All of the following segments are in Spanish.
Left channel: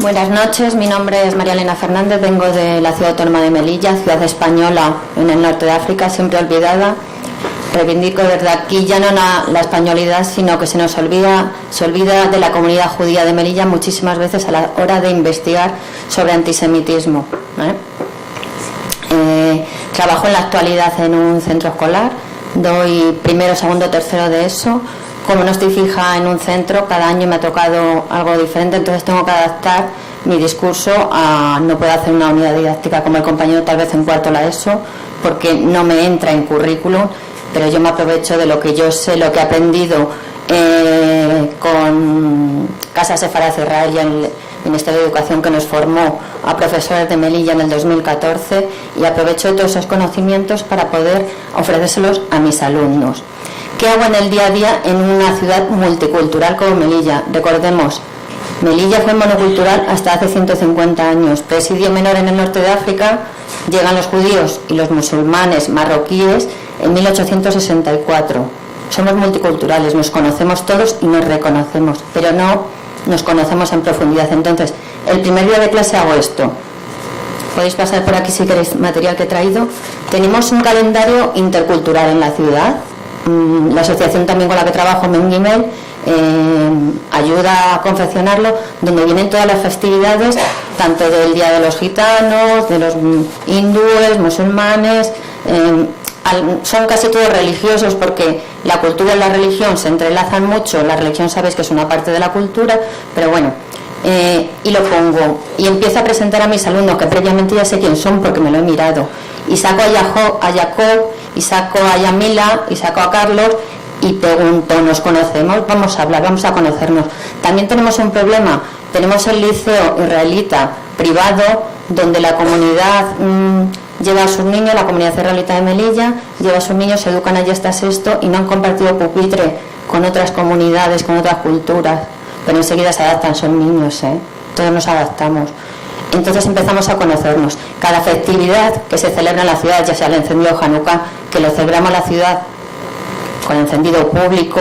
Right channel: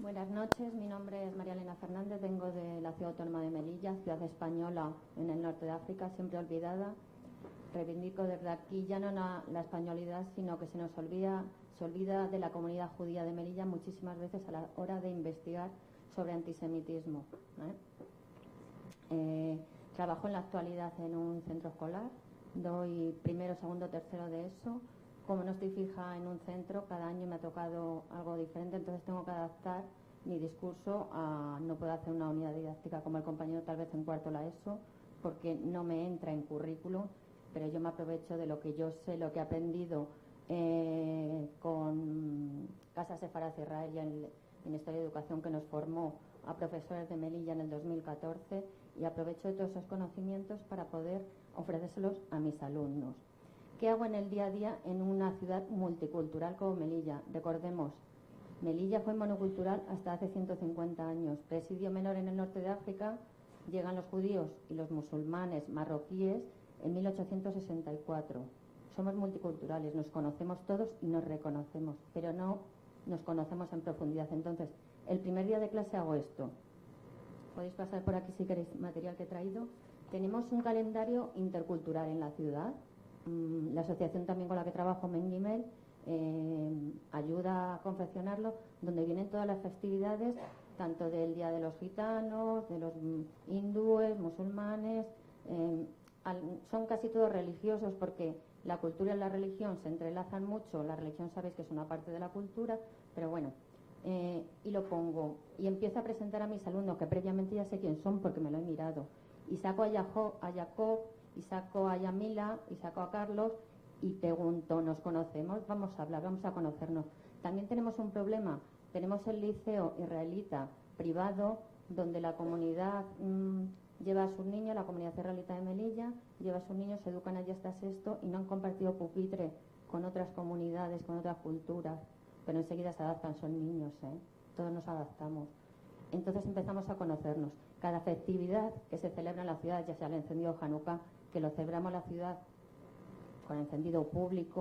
Buenas noches, mi nombre es María Elena Fernández, vengo de la ciudad autónoma de Melilla, ciudad española en el norte de África, siempre olvidada. Reivindico desde aquí ya no la españolidad, sino que se olvida de la comunidad judía de Melilla muchísimas veces a la hora de investigar sobre antisemitismo. Trabajo en la actualidad en un centro escolar, doy primero, segundo, tercero de ESO. Como no estoy fija en un centro, cada año me ha tocado algo diferente, entonces tengo que adaptar mi discurso no puedo hacer una unidad didáctica como el compañero tal vez en cuarto la ESO, porque no me entra en currículum, pero yo me aprovecho de lo que yo sé, lo que he aprendido con Casa Sefarad Israel y el Ministerio de Educación, que nos formó a profesores de Melilla en el 2014, y aprovecho de todos esos conocimientos para poder ofrecérselos a mis alumnos. ¿Qué hago en el día a día en una ciudad multicultural como Melilla? Recordemos, Melilla fue monocultural hasta hace 150 años. Presidio menor en el norte de África, llegan los judíos y los musulmanes marroquíes en 1864. Somos multiculturales, nos conocemos todos y nos reconocemos, pero no nos conocemos en profundidad. Entonces, el primer día de clase hago esto. Podéis pasar por aquí si queréis material que he traído. Tenemos un calendario intercultural en la ciudad. La asociación también con la que trabajo, Mengimel, ayuda a confeccionarlo, donde vienen todas las festividades, tanto del Día de los Gitanos, de los hindúes, musulmanes, son casi todos religiosos, porque la cultura y la religión se entrelazan mucho. La religión sabéis que es una parte de la cultura, pero bueno, y lo pongo y empiezo a presentar a mis alumnos, que previamente ya sé quién son porque me lo he mirado, y saco a Jacob, y saco a Yamila, y saco a Carlos, y pregunto, ¿nos conocemos? Vamos a hablar, vamos a conocernos. También tenemos un problema, tenemos el liceo israelita privado, donde la comunidad lleva a sus niños, la comunidad israelita de Melilla lleva a sus niños, se educan allí hasta sexto y no han compartido pupitre con otras comunidades, con otras culturas, pero enseguida se adaptan, son niños, todos nos adaptamos. Entonces empezamos a conocernos. Cada festividad que se celebra en la ciudad, ya sea el encendido Hanukkah, que lo celebramos en la ciudad con encendido público,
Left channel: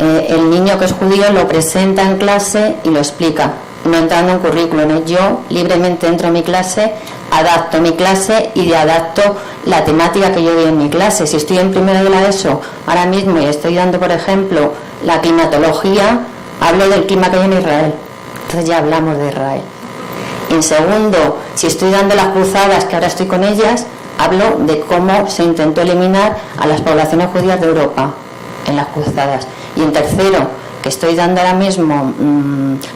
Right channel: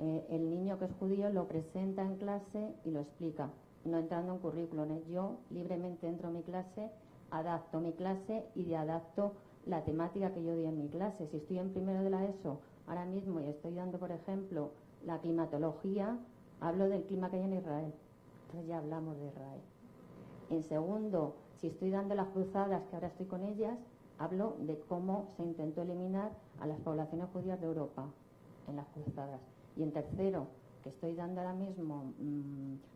el niño que es judío lo presenta en clase y lo explica, no entrando en currículum. Yo libremente entro en mi clase, adapto mi clase y adapto la temática que yo doy en mi clase. Si estoy en primero de la ESO ahora mismo y estoy dando, por ejemplo, la climatología, hablo del clima que hay en Israel, entonces ya hablamos de Israel. En segundo, si estoy dando las cruzadas, que ahora estoy con ellas, hablo de cómo se intentó eliminar a las poblaciones judías de Europa en las cruzadas. Y en tercero, que estoy dando ahora mismo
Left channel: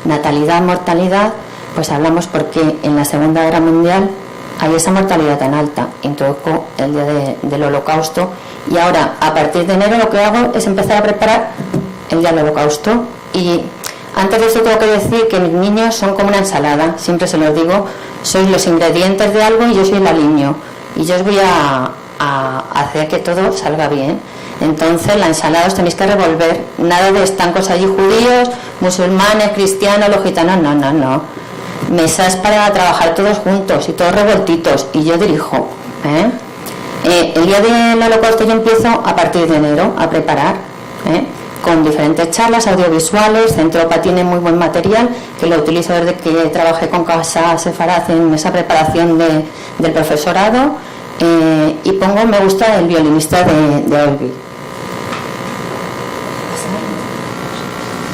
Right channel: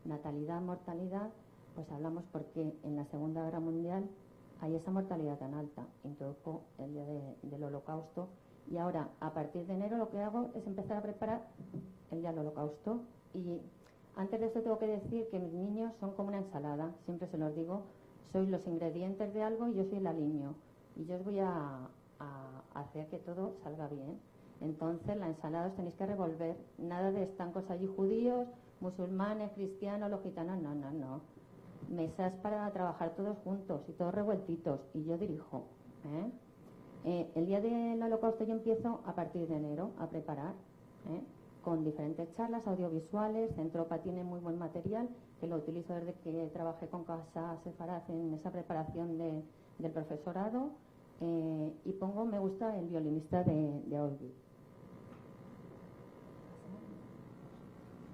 natalidad, mortalidad, pues hablamos porque en la Segunda Guerra Mundial hay esa mortalidad tan alta. Introduzco el día del Holocausto, y ahora, a partir de enero, lo que hago es empezar a preparar el día del Holocausto. Y antes de eso tengo que decir que mis niños son como una ensalada, siempre se los digo, sois los ingredientes de algo y yo soy el aliño, y yo os voy a hacer que todo salga bien. Entonces la ensalada os tenéis que revolver, nada de estancos allí judíos, musulmanes, cristianos, los gitanos, no. Mesas para trabajar todos juntos y todos revoltitos, y yo dirijo. El día del Holocausto yo empiezo a partir de enero a preparar, con diferentes charlas audiovisuales. Centropa tiene muy buen material, que lo utilizo desde que trabajé con Casa Sefarad en esa preparación del profesorado, y pongo me gusta el violinista de Olby.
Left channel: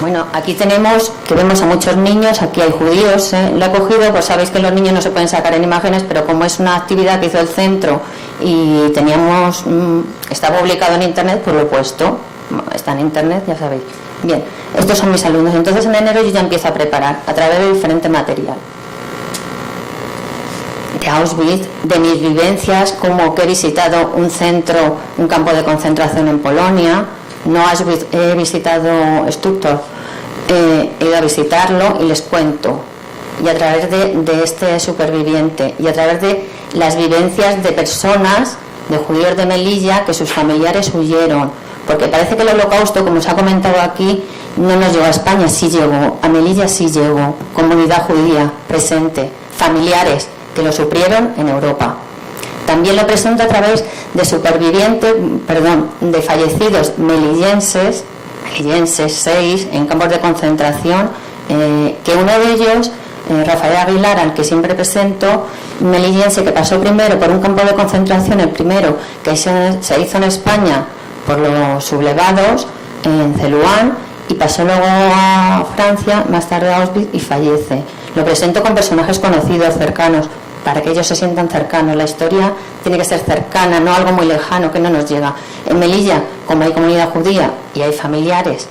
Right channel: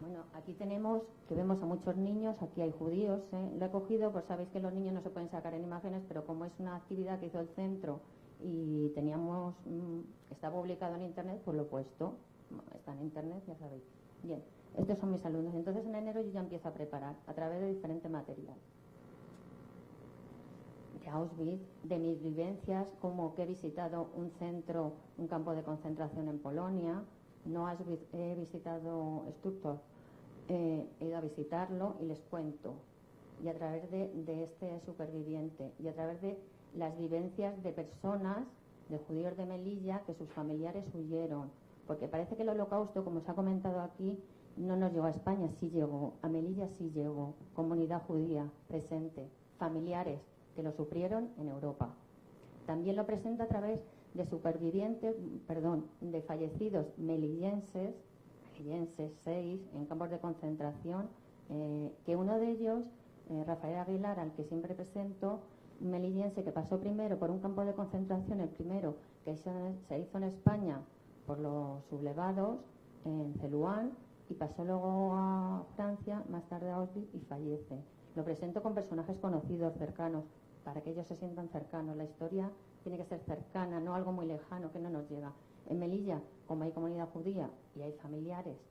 Bueno, aquí tenemos que vemos a muchos niños, aquí hay judíos, lo he cogido, pues sabéis que los niños no se pueden sacar en imágenes, pero como es una actividad que hizo el centro y teníamos, está publicado en internet, pues lo he puesto. Está en internet, ya sabéis. Bien, estos son mis alumnos. Entonces en enero yo ya empiezo a preparar a través de diferente material. De Auschwitz, de mis vivencias, como que he visitado un centro, un campo de concentración en Polonia, no Auschwitz, he visitado Stuttgart, he ido a visitarlo y les cuento. Y a través de este superviviente, y a través de las vivencias de personas, de judíos de Melilla, que sus familiares huyeron. Porque parece que el Holocausto, como se ha comentado aquí, no nos llegó a España, sí llegó, a Melilla sí llegó, comunidad judía presente, familiares que lo sufrieron en Europa. También lo presento a través de supervivientes, de fallecidos melillenses 6 en campos de concentración, que uno de ellos Rafael Aguilar, al que siempre presento, melillense, que pasó primero por un campo de concentración, el primero que se hizo en España por los sublevados, en Celuán, y pasó luego a Francia, más tarde a Auschwitz, y fallece. Lo presento con personajes conocidos, cercanos, para que ellos se sientan cercanos. La historia tiene que ser cercana, no algo muy lejano que no nos llega. En Melilla, como hay comunidad judía y hay familiares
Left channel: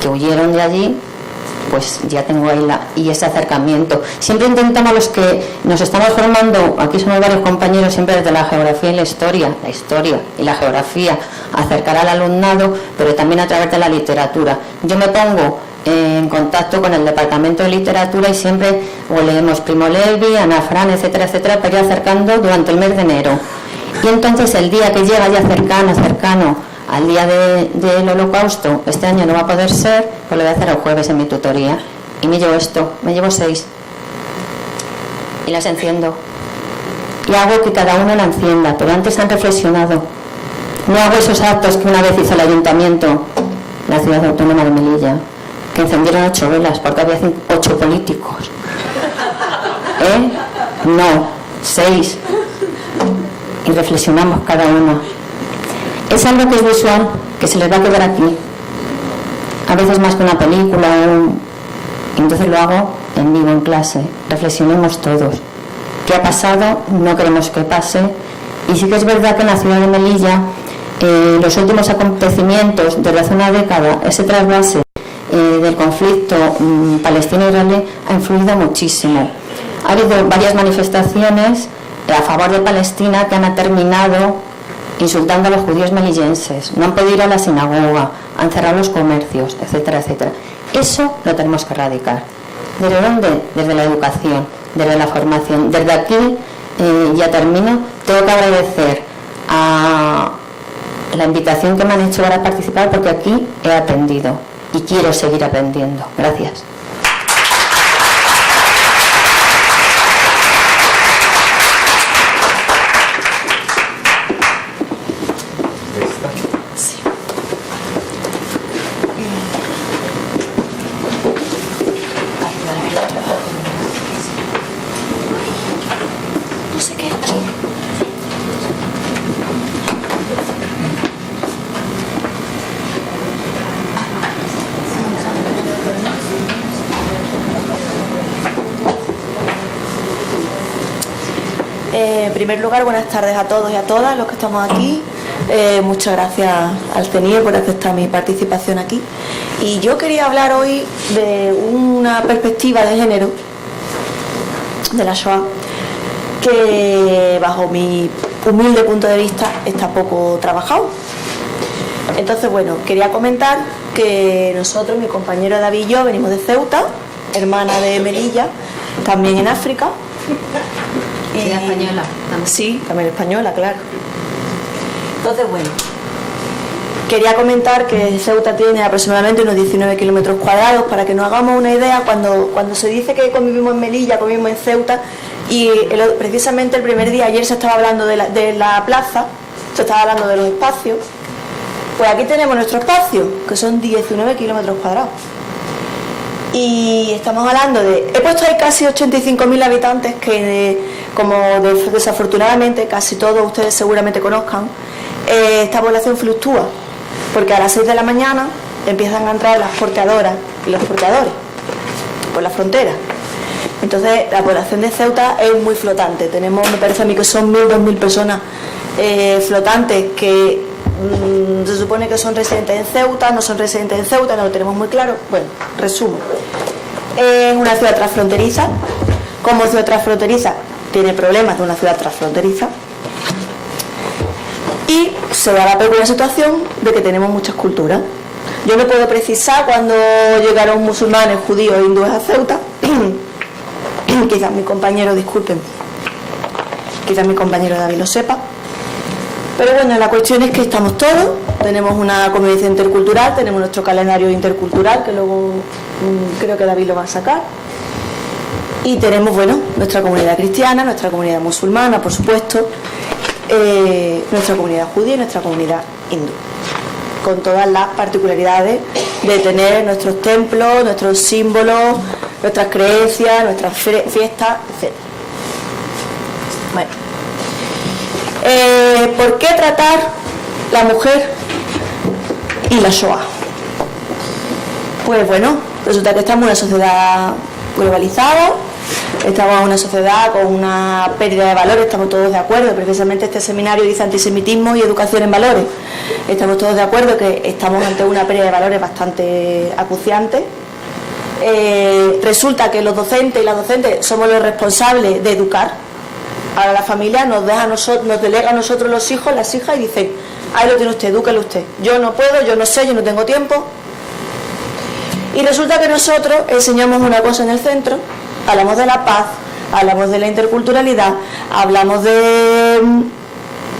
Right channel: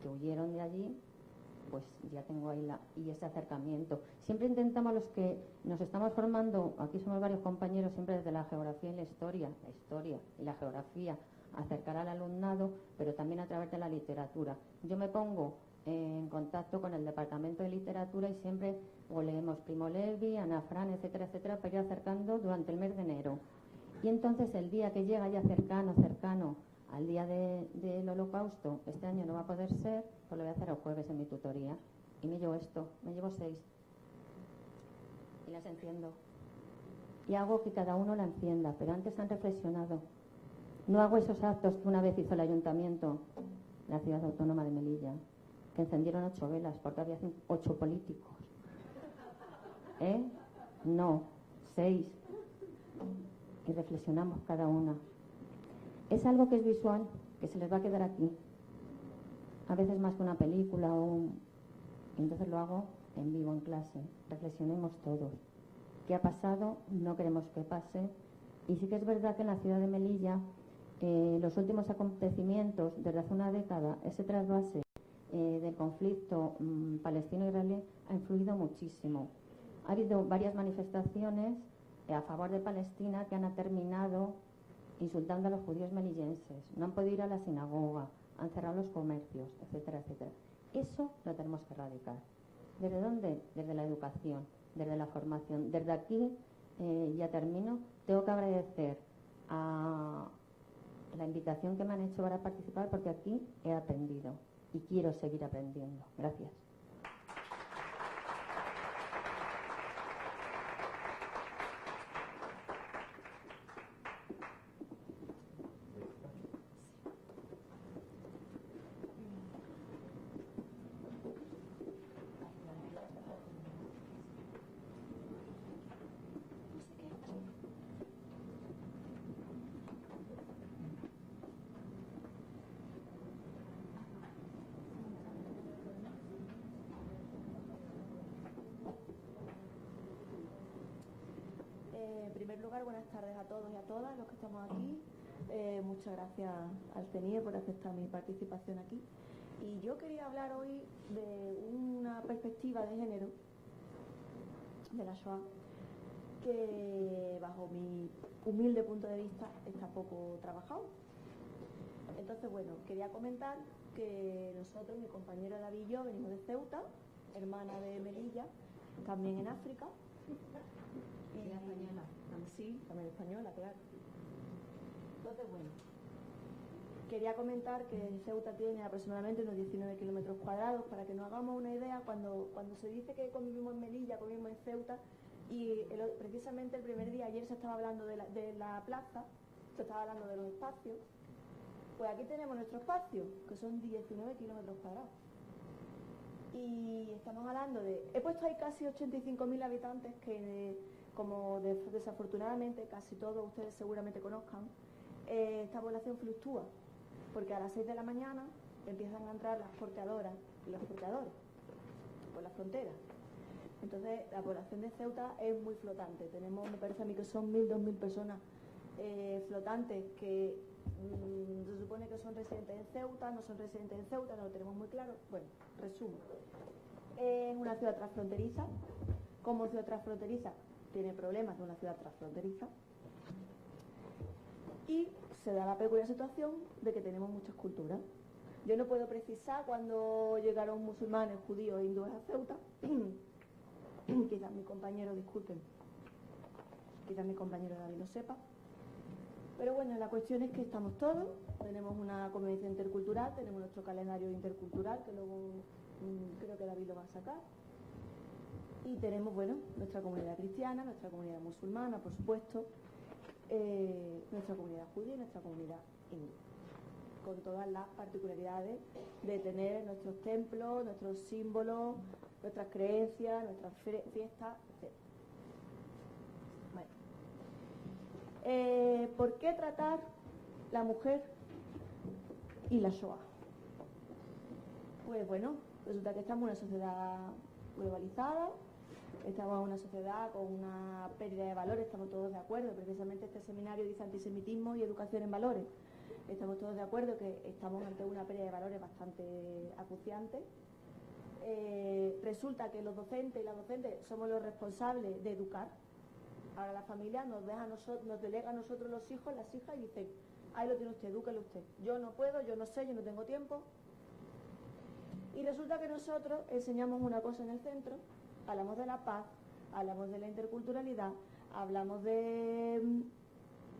que huyeron de allí, pues ya tengo ahí y ese acercamiento. Siempre intentamos, los que nos estamos formando, aquí somos varios compañeros, siempre desde la geografía y la historia y la geografía, acercar al alumnado, pero también a través de la literatura. Yo me pongo en contacto con el departamento de literatura y siempre o leemos Primo Levi, Ana Fran, etcétera, etcétera, para ir acercando durante el mes de enero. Y entonces el día que llega ya cercano al día del Holocausto, este año no va a poder ser, pues lo voy a hacer el jueves en mi tutoría. Y me llevo 6. Y las enciendo. Y hago que cada uno la encienda, pero antes han reflexionado. No hago esos actos que una vez hizo el ayuntamiento, la ciudad autónoma de Melilla, que encendieron 8 velas porque había 8 políticos. No, 6. Y reflexionamos cada uno. Es algo que es visual, que se les va a quedar aquí. A veces más que una película. Entonces lo hago en vivo, en clase. Reflexionemos todos. ¿Qué ha pasado? No queremos que pase. Y sí que es verdad que en la ciudad de Melilla, los últimos acontecimientos desde hace una década, ese trasvase del conflicto palestino-israelí ha influido muchísimo. Ha habido varias manifestaciones a favor de Palestina que han terminado insultando a los judíos melillenses, no han podido ir a la sinagoga, han cerrado los comercios, etcétera, etcétera. Eso lo tenemos que erradicar. ¿Desde dónde? Desde la educación, desde la formación. Desde aquí, ya termino, tengo que agradecer a la invitación que me han hecho para participar, porque aquí he aprendido y quiero seguir aprendiendo. Gracias. En primer lugar, buenas tardes a todos y a todas los que estamos aquí. Muchas gracias al CENIE por aceptar mi participación aquí. Y yo quería hablar hoy de una perspectiva de género de la Shoah que, bajo mi humilde punto de vista, está poco trabajado. Entonces, bueno, quería comentar que nosotros, mi compañero David y yo, venimos de Ceuta, hermana de Melilla, también en África. Sí, española. También. Sí, también española, claro. Entonces, bueno, quería comentar que Ceuta tiene aproximadamente unos 19 kilómetros cuadrados, para que nos hagamos una idea. Cuando se dice que convivimos en Melilla, convivimos en Ceuta, y precisamente el primer día, ayer se estaba hablando de la plaza, se estaba hablando de los espacios, pues aquí tenemos nuestro espacio, que son 19 kilómetros cuadrados. Y estamos hablando he puesto ahí casi 85.000 habitantes que, como desafortunadamente casi todos ustedes seguramente conozcan, esta población fluctúa, porque a las 6 de la mañana empiezan a entrar las porteadoras y los porteadores por la frontera. Entonces la población de Ceuta es muy flotante. Tenemos, me parece a mí que son 1.000, 2.000 personas flotantes que se supone que son residentes en Ceuta, no son residentes en Ceuta, no lo tenemos muy claro. Bueno, resumo. Es una ciudad transfronteriza. Como ciudad transfronteriza tiene problemas de una ciudad transfronteriza. Y se da la peculiar situación de que tenemos muchas culturas. Yo no puedo precisar cuándo llegaron musulmanes, judíos e hindúes a Ceuta. Quizás mi compañero, disculpen, quizás mi compañero David lo sepa. Pero bueno, la cuestión es que estamos todos, tenemos una convivencia intercultural, tenemos nuestro calendario intercultural, que luego creo que David lo va a sacar. Y tenemos, bueno, nuestra comunidad cristiana, nuestra comunidad musulmana, por supuesto, nuestra comunidad judía y nuestra comunidad hindú, con todas las particularidades de tener nuestros templos, nuestros símbolos, nuestras creencias, nuestras fiestas, etc. Bueno, ¿por qué tratar la mujer y la Shoah? Pues bueno, resulta que estamos en una sociedad globalizada, estamos en una sociedad con una pérdida de valores, estamos todos de acuerdo. Precisamente este seminario dice antisemitismo y educación en valores. Estamos todos de acuerdo que estamos ante una pérdida de valores bastante acuciante. Resulta que los docentes y las docentes somos los responsables de educar. Ahora la familia nos delega a nosotros los hijos, las hijas, y dice: ahí lo tiene usted, edúquelo usted. Yo no puedo, yo no sé, yo no tengo tiempo. Y resulta que nosotros enseñamos una cosa en el centro, hablamos de la paz, hablamos de la interculturalidad, hablamos de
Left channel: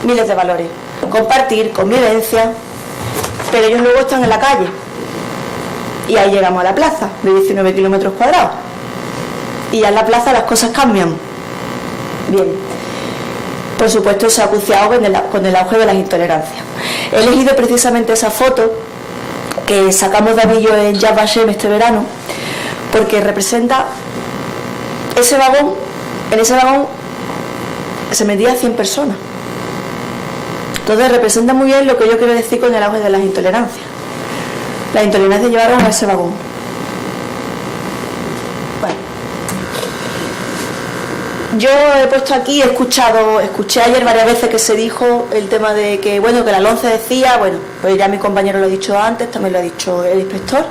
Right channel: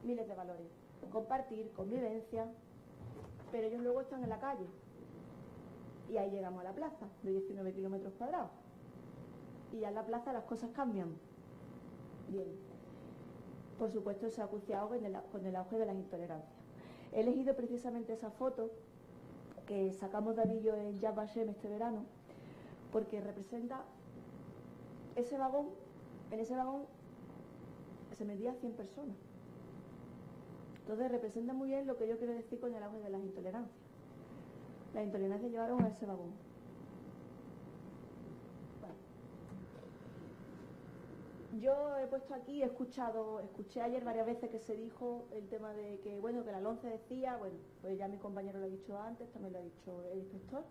miles de valores, compartir, convivencia, pero ellos luego están en la calle. Y ahí llegamos a la plaza, de 19 kilómetros cuadrados. Y ya en la plaza las cosas cambian. Bien. Por supuesto se ha acuciado con el auge de las intolerancias. He elegido precisamente esa foto que sacamos de Avillo en Yad Vashem este verano, porque representa ese vagón. En ese vagón se metían 100 personas. Entonces representa muy bien lo que yo quiero decir con el auge de las intolerancias. Las intolerancias llevaron a ese vagón. Bueno, yo he puesto aquí, escuché ayer varias veces que se dijo el tema de que, bueno, que la LONCE decía, bueno, pues ya mi compañero lo ha dicho antes, también lo ha dicho el inspector.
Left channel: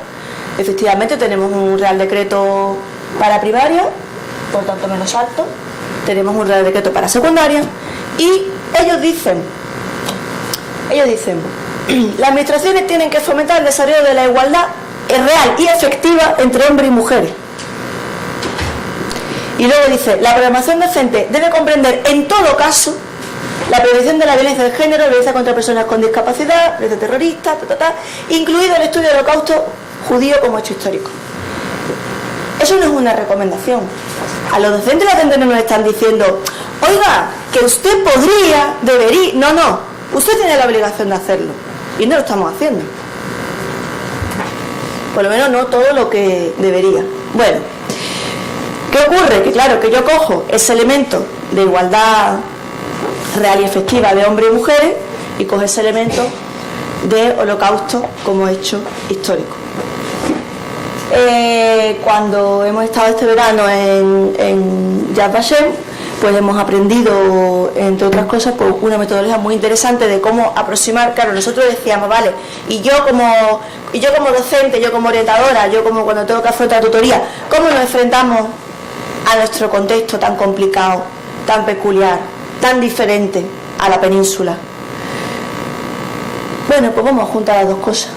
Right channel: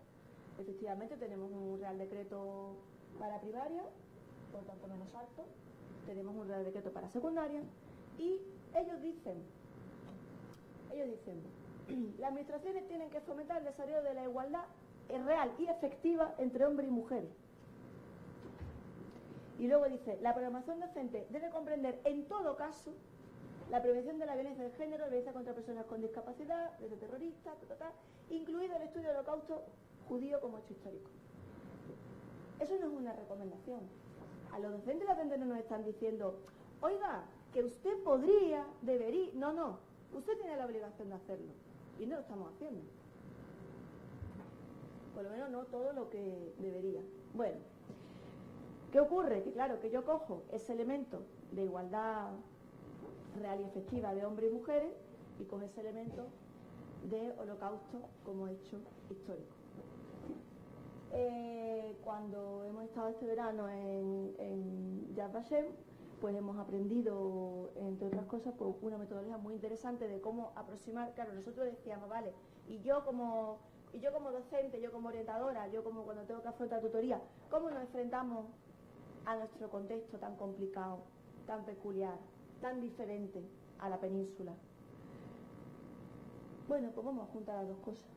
Efectivamente tenemos un Real Decreto para primaria, por tanto menos alto, tenemos un Real Decreto para secundaria, y ellos dicen, las administraciones tienen que fomentar el desarrollo de la igualdad real y efectiva entre hombres y mujeres. Y luego dice, la programación docente debe comprender en todo caso la prevención de la violencia de género, la violencia contra personas con discapacidad, violencia terrorista, incluido el estudio del Holocausto judío como hecho histórico. Eso no es una recomendación. A los docentes y las docentes no nos están diciendo, oiga, que usted podría, debería... No, usted tiene la obligación de hacerlo. Y no lo estamos haciendo. Por lo menos no todo lo que debería. Bueno, ¿qué ocurre? Que claro, que yo cojo ese elemento de igualdad real y efectiva de hombres y mujeres y cojo ese elemento de holocausto como hecho histórico. Cuando hemos estado este verano en Yad Vashem, pues hemos aprendido, entre otras cosas, pues una metodología muy interesante de cómo aproximar. Claro, nosotros decíamos, vale, y yo como docente, yo como orientadora, yo como cuando tengo que afrontar tutoría, ¿cómo nos enfrentamos a nuestro contexto tan complicado, tan peculiar, tan diferente a la península? Bueno, pues vamos a juntar las dos cosas.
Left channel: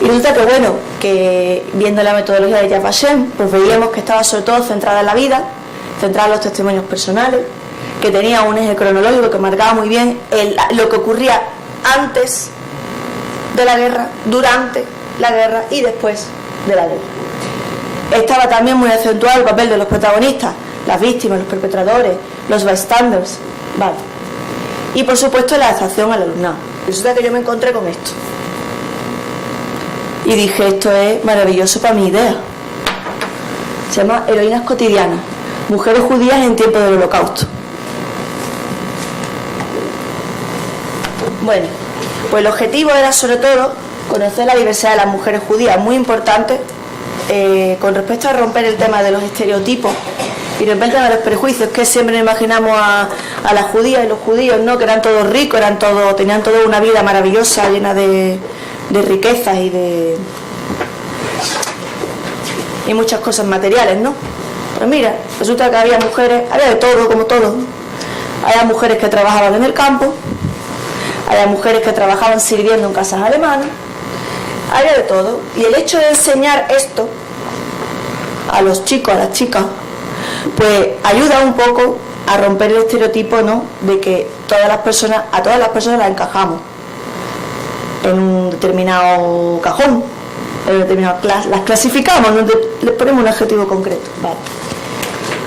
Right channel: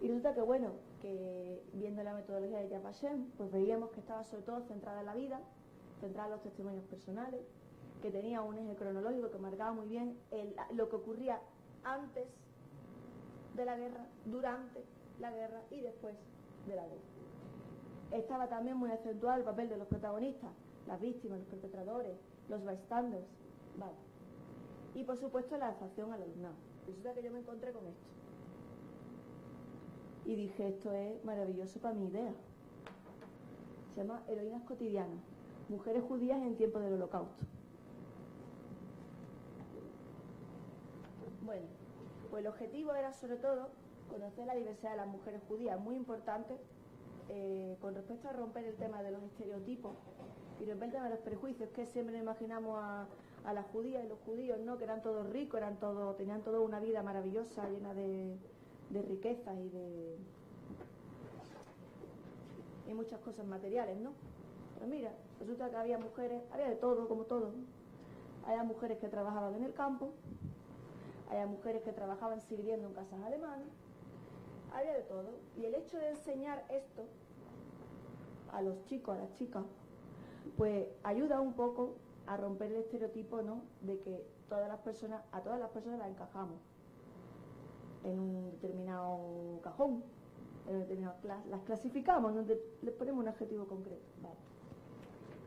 Y resulta que, bueno, que viendo la metodología de Yad Vashem, pues veíamos que estaba sobre todo centrada en la vida, centrada en los testimonios personales, que tenía un eje cronológico que marcaba muy bien lo que ocurría antes de la guerra, durante la guerra y después de la guerra. Estaba también muy acentuado el papel de los protagonistas, las víctimas, los perpetradores, los bystanders, vale. Y por supuesto la adaptación al alumnado. Resulta que yo me encontré con esto. Y dije, esto es maravilloso para mi idea. Se llama Heroínas cotidianas, mujeres judías en tiempo del Holocausto. Bueno, pues el objetivo era sobre todo conocer la diversidad de las mujeres judías, muy importante con respecto a romper el tema de los estereotipos y romper el tema de los prejuicios, que siempre imaginamos a las judías y los judíos, ¿no? Que eran todos ricos, tenían toda una vida maravillosa, llena de riquezas y muchas cosas materiales, ¿no? Pero mira, resulta que había mujeres, había de todo, como todo. Había mujeres que trabajaban en el campo, había mujeres que trabajaban sirviendo en casas alemanas, había de todo. Y el hecho de enseñar esto a los chicos, a las chicas, pues ayuda un poco a romper el estereotipo, ¿no? De que a todas las personas las encajamos en un determinado cajón, en un determinado las clasificamos, ¿no? Les ponemos un adjetivo concreto, ¿vale?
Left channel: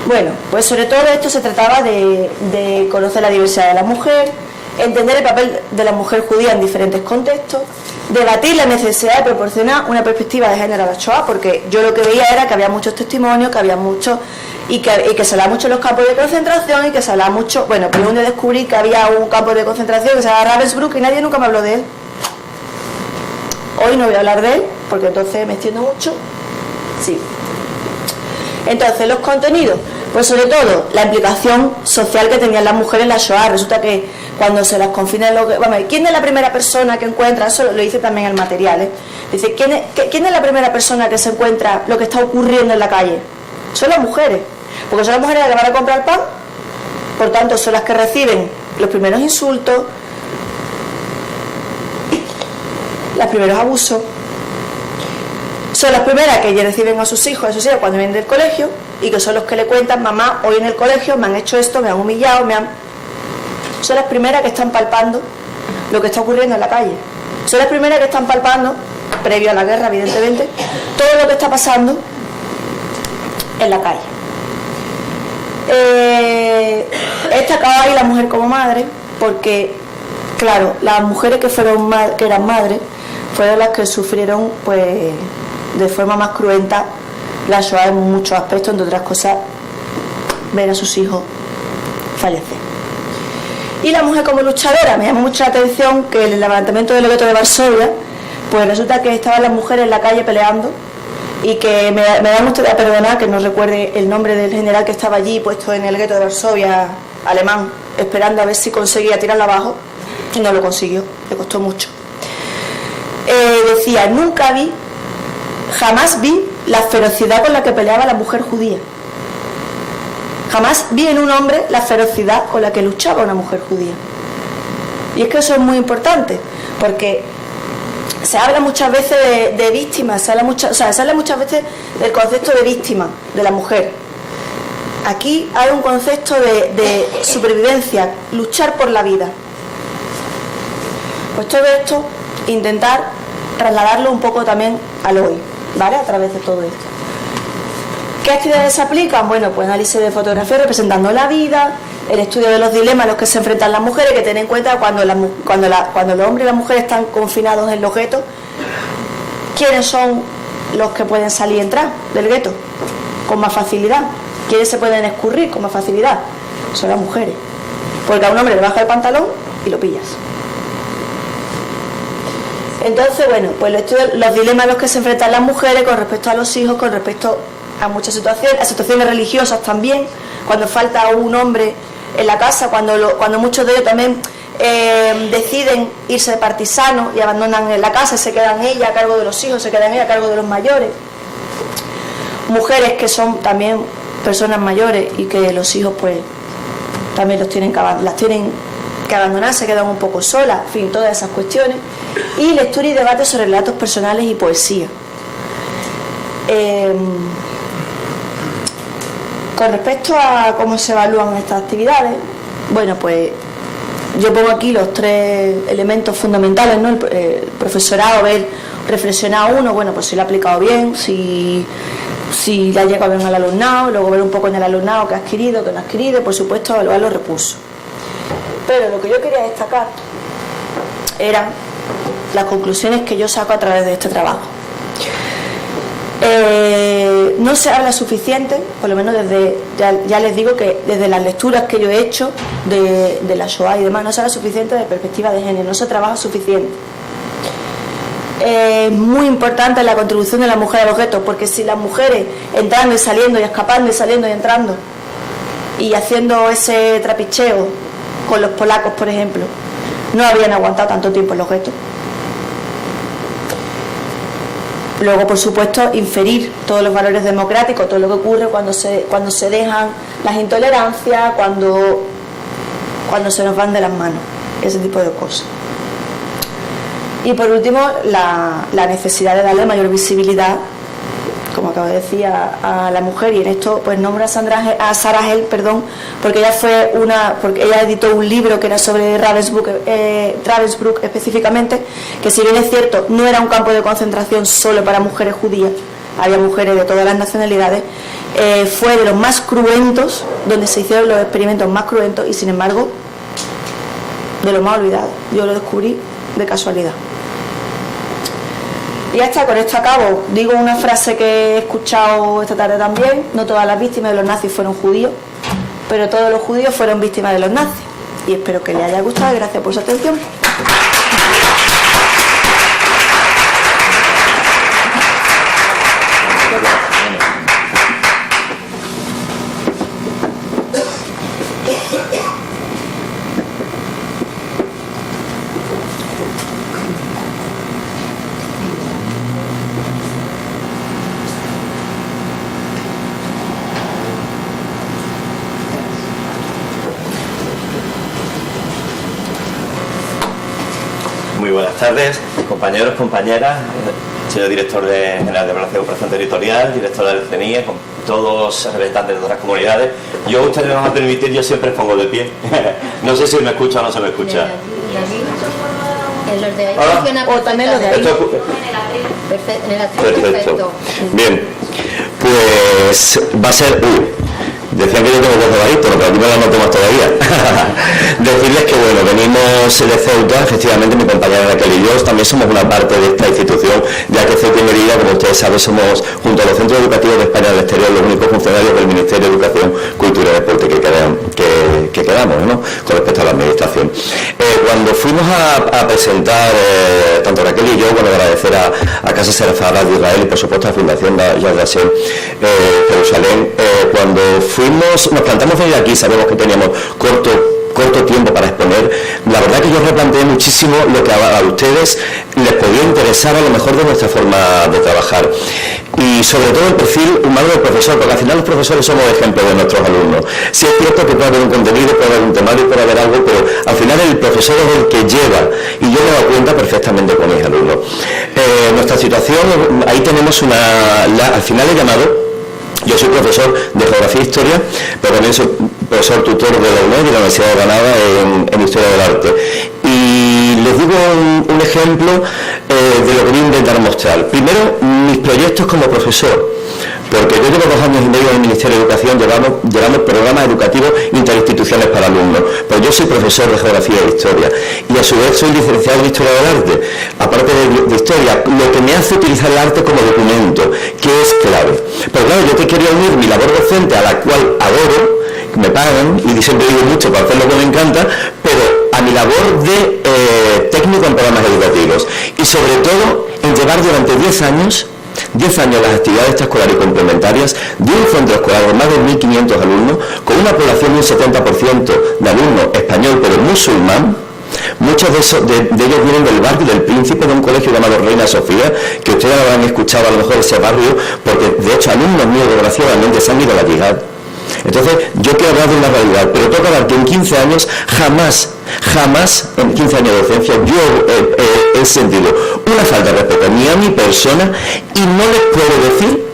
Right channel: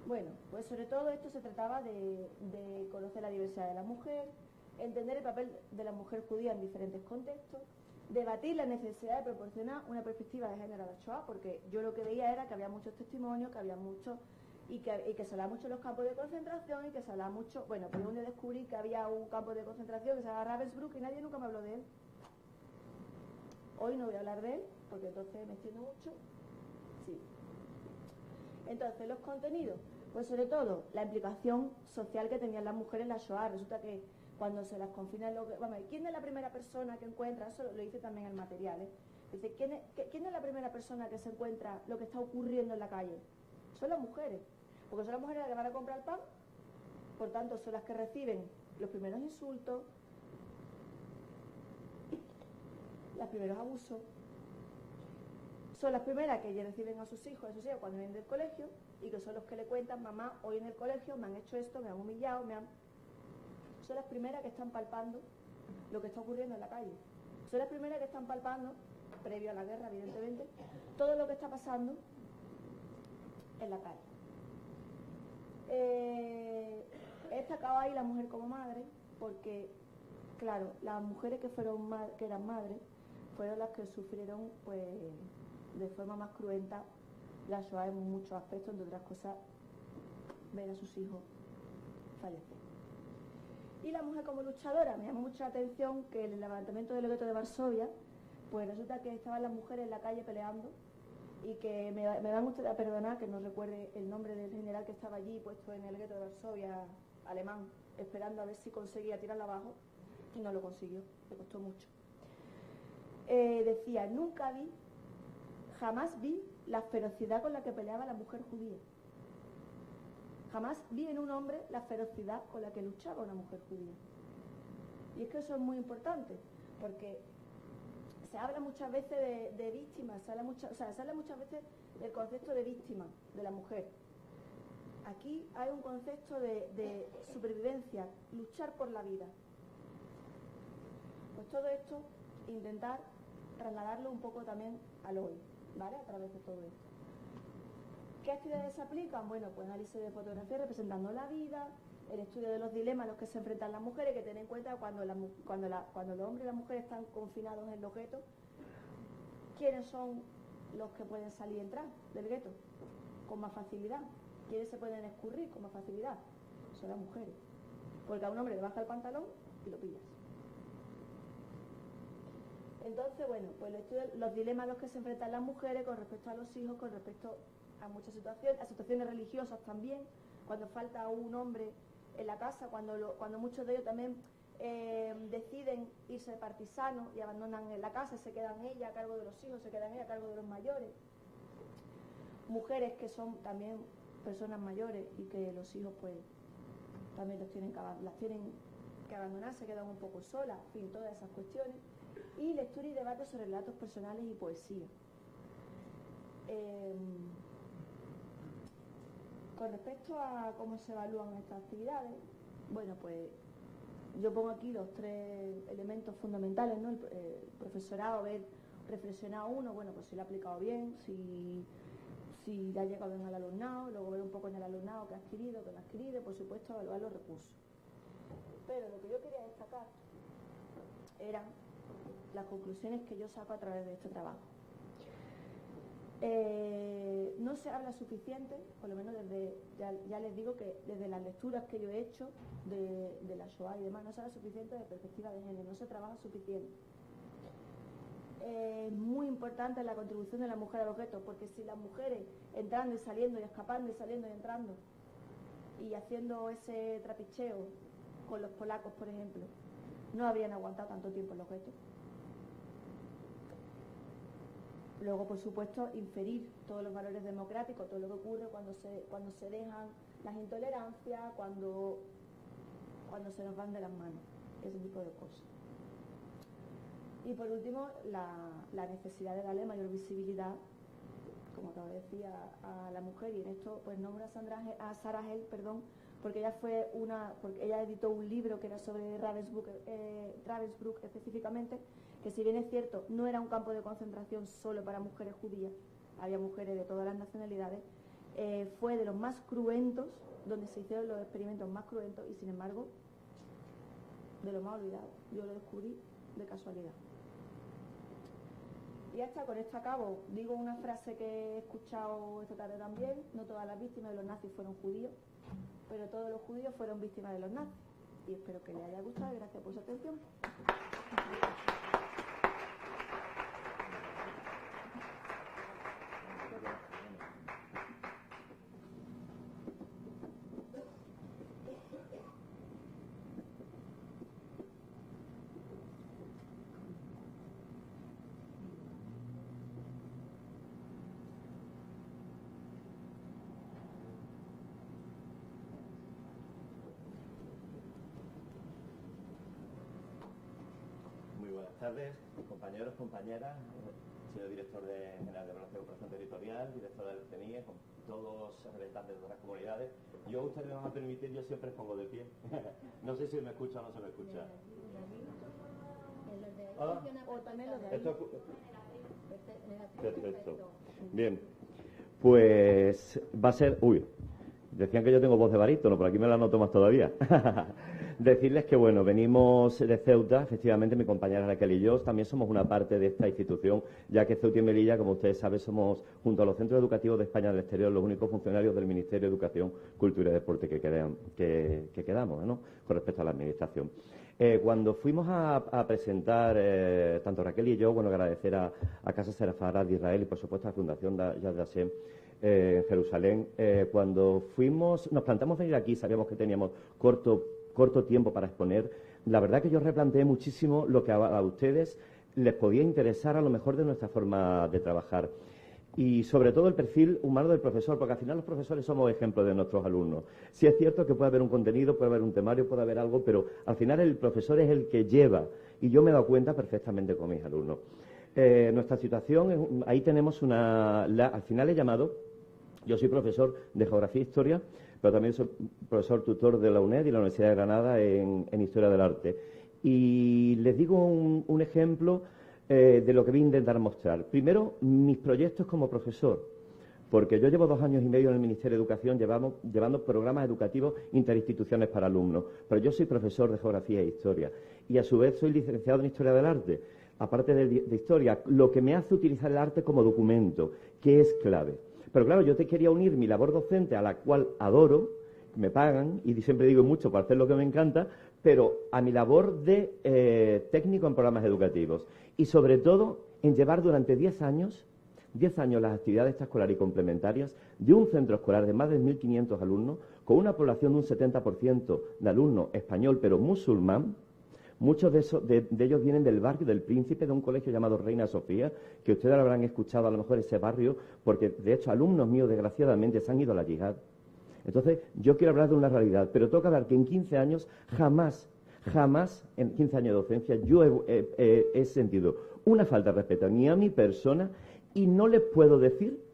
Bueno, pues sobre todo esto se trataba de conocer la diversidad de la mujer, entender el papel de la mujer judía en diferentes contextos debatir la necesidad de proporcionar una perspectiva de género a la Shoah, porque yo lo que veía era que había muchos testimonios, que había muchos, y que se hablaba mucho de los campos de concentración, y que se hablaba mucho, bueno, pues un día descubrí que había un campo de concentración que se llama Ravensbrück y nadie nunca me habló de él. Hoy no voy a hablar de él, porque entonces me extiendo mucho. Sí. Entonces, los contenidos, pues sobre todo la implicación social que tenían las mujeres en la Shoah. Resulta que cuando se las confina, ¿quién es la primera persona que encuentra? Eso lo dice también el material, ¿eh? Dice, ¿quién es la primera persona que se encuentra lo que está ocurriendo en la calle? Son las mujeres, porque son las mujeres las que van a comprar pan, por tanto son las que reciben los primeros insultos, los primeros abusos. Son las primeras que reciben a sus hijos cuando vienen del colegio, y que son los que le cuentan: mamá, hoy en el colegio me han hecho esto, me han humillado, Son las primeras que están palpando lo que está ocurriendo en la calle. Son las primeras que están palpando, previo a la guerra evidentemente, todo lo que está pasando en la calle. Destacaba ahí la mujer como madre, porque claro, las mujeres que eran madres fueron las que sufrieron, pues, de forma más cruenta la Shoah en muchos aspectos, entre otras cosas, ver a sus hijos fallecer. Y la mujer como luchadora, me llama mucho la atención que en el levantamiento del gueto de Varsovia, pues resulta que estaban las mujeres en la calle peleando, y que me da mucho de perdonar que no recuerde el nombre del general que estaba allí puesto en el gueto de Varsovia, alemán, esperando a ver si conseguía tirarla abajo, y no lo consiguió, le costó mucho. Decía: jamás vi la ferocidad con la que peleaba la mujer judía. Jamás vi en un hombre la ferocidad con la que luchaba una mujer judía. Y es que eso es muy importante, porque se habla muchas veces de víctimas, se habla muchas veces del concepto de víctima de la mujer. Aquí hay un concepto de supervivencia, luchar por la vida. Pues todo esto, intentar trasladarlo un poco también al hoy, ¿vale? A través de todo esto. ¿Qué actividades se aplican? Bueno, pues análisis de fotografía representando la vida, el estudio de los dilemas a los que se enfrentan las mujeres, que ten en cuenta cuando los hombres y las mujeres están confinados en los guetos, ¿quiénes son los que pueden salir y entrar del gueto con más facilidad? ¿Quiénes se pueden escurrir con más facilidad? Son las mujeres, porque a un hombre le baja el pantalón y lo pillas. Entonces, bueno, pues los dilemas a los que se enfrentan las mujeres con respecto a los hijos, con respecto a muchas situaciones, a situaciones religiosas también, cuando falta un hombre en la casa, cuando muchos de ellos también deciden irse de partisanos y abandonan la casa, se quedan ellas a cargo de los hijos, se quedan ellas a cargo de los mayores. Mujeres que son también personas mayores y que los hijos pues también las tienen que abandonar, se quedan un poco solas, en fin, todas esas cuestiones. Y lectura y debate sobre relatos personales y poesía. Con respecto a cómo se evalúan estas actividades, bueno, pues yo pongo aquí los 3 elementos fundamentales, ¿no? El profesorado, reflexionar uno, bueno, pues si lo ha aplicado bien, si le ha llegado bien al alumnado, luego ver un poco en el alumnado qué ha adquirido, qué no ha adquirido, por supuesto evaluar los recursos. Pero lo que yo quería destacar eran las conclusiones que yo saco a través de este trabajo. No se habla suficiente, por lo menos ya les digo que desde las lecturas que yo he hecho de la Shoah y demás, no se habla suficiente de perspectiva de género, no se trabaja suficiente. Es muy importante la contribución de la mujer a los guetos, porque si las mujeres entrando y saliendo y escapando y saliendo y entrando y haciendo ese trapicheo con los polacos, por ejemplo, no habrían aguantado tanto tiempo en los guetos. Luego, por supuesto, inferir todos los valores democráticos, todo lo que ocurre cuando se dejan las intolerancias, cuando se nos van de las manos, ese tipo de cosas. Y por último, la necesidad de darle mayor visibilidad, como acabo de decir, a la mujer, y en esto pues nombro a Sarah Held, porque ella editó un libro que era sobre Ravensbrück específicamente, que si bien es cierto, no era un campo de concentración solo para mujeres judías, había mujeres de todas las nacionalidades, fue de los más cruentos, donde se hicieron los experimentos más cruentos, y sin embargo, de los más olvidados. Yo lo descubrí de casualidad. Y ya está, con esto acabo. Digo una frase que he escuchado esta tarde también: no todas las víctimas de los nazis fueron judíos, pero todos los judíos fueron víctimas de los nazis. Y espero que les haya gustado. Gracias por su atención. Muy buenas tardes, compañeros, compañeras, señor director general de Relación y Cooperación Territorial, director del CNIE, con todos los representantes de otras comunidades. Yo, ustedes me van a permitir, yo siempre pongo de pie. No sé si me escucha o no se me escucha. En los de ahí funciona o también los de ahí. Perfecto. Bien, pues va a ser... decían que yo tengo voz de barítono, pero aquí me la noto más todavía. Decirles que bueno, venimos de Ceuta, efectivamente mi compañera Raquel y yo también somos una parte de esta institución, ya que Ceuta y Melilla, como ustedes saben, somos, junto a los centros educativos de España del exterior, los únicos funcionarios del Ministerio de Educación, Cultura y Deporte que quedamos, ¿no?, con respecto a la administración. Cuando fuimos a presentar, tanto Raquel y yo, bueno, agradecer a Casa Serafada de Israel y por supuesto a la Fundación Yad Vashem Jerusalén, cuando nos plantamos venir aquí, sabemos que teníamos corto tiempo para exponer. La verdad que yo replanteé muchísimo lo que a ustedes les podía interesar a lo mejor de nuestra forma de trabajar. Y sobre todo el perfil humano del profesor, porque al final los profesores somos ejemplos de nuestros alumnos. Sí es cierto que puede haber un contenido, puede haber un temario, puede haber algo, pero al final el profesor es el que lleva, y yo me doy cuenta perfectamente con mis alumnos. Nuestra situación, ahí tenemos al final he llamado. Yo soy profesor de Geografía e Historia, pero también soy profesor tutor de la UNED y la Universidad de Granada en Historia del Arte. Y les digo un ejemplo de lo que voy a intentar mostrar. Primero, mis proyectos como profesor, porque yo llevo 2 años y medio en el Ministerio de Educación, llevamos programas educativos interinstitucionales para alumnos, pero yo soy profesor de Geografía e Historia y a su vez soy licenciado en Historia del Arte, aparte de Historia, lo que me hace utilizar el arte como documento, que es clave. Pero claro, yo te quería unir mi labor docente, a la cual adoro, me pagan y siempre digo mucho para hacer lo que me encanta, pero a mi labor de técnico en programas educativos y sobre todo en llevar durante 10 años las actividades extraescolares y complementarias de un centro escolar de más de 1.500 alumnos, con una población de un 70% de alumnos español pero musulmán. Muchos de ellos vienen del barrio del Príncipe, de un colegio llamado Reina Sofía, que ustedes habrán escuchado a lo mejor ese barrio, porque de hecho alumnos míos desgraciadamente se han ido a la yihad. Entonces yo quiero hablar de una realidad, pero tengo que hablar que en 15 años jamás en 15 años de docencia yo he sentido una falta de respeto ni a mi persona, y no les puedo decir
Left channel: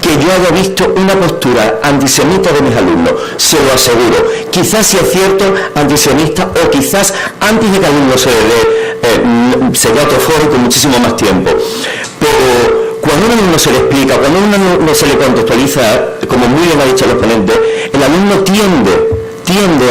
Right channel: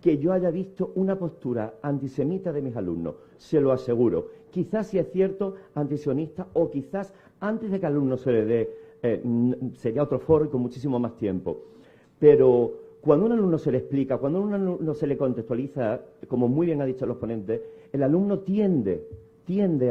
que yo haya visto una postura antisemita de mis alumnos, se lo aseguro. Quizás si es cierto antisionista, o quizás antes de que al alumno sería otro foro con muchísimo más tiempo, pero cuando a un alumno se le explica, cuando a un alumno se le contextualiza, como muy bien ha dicho el ponente, el alumno tiende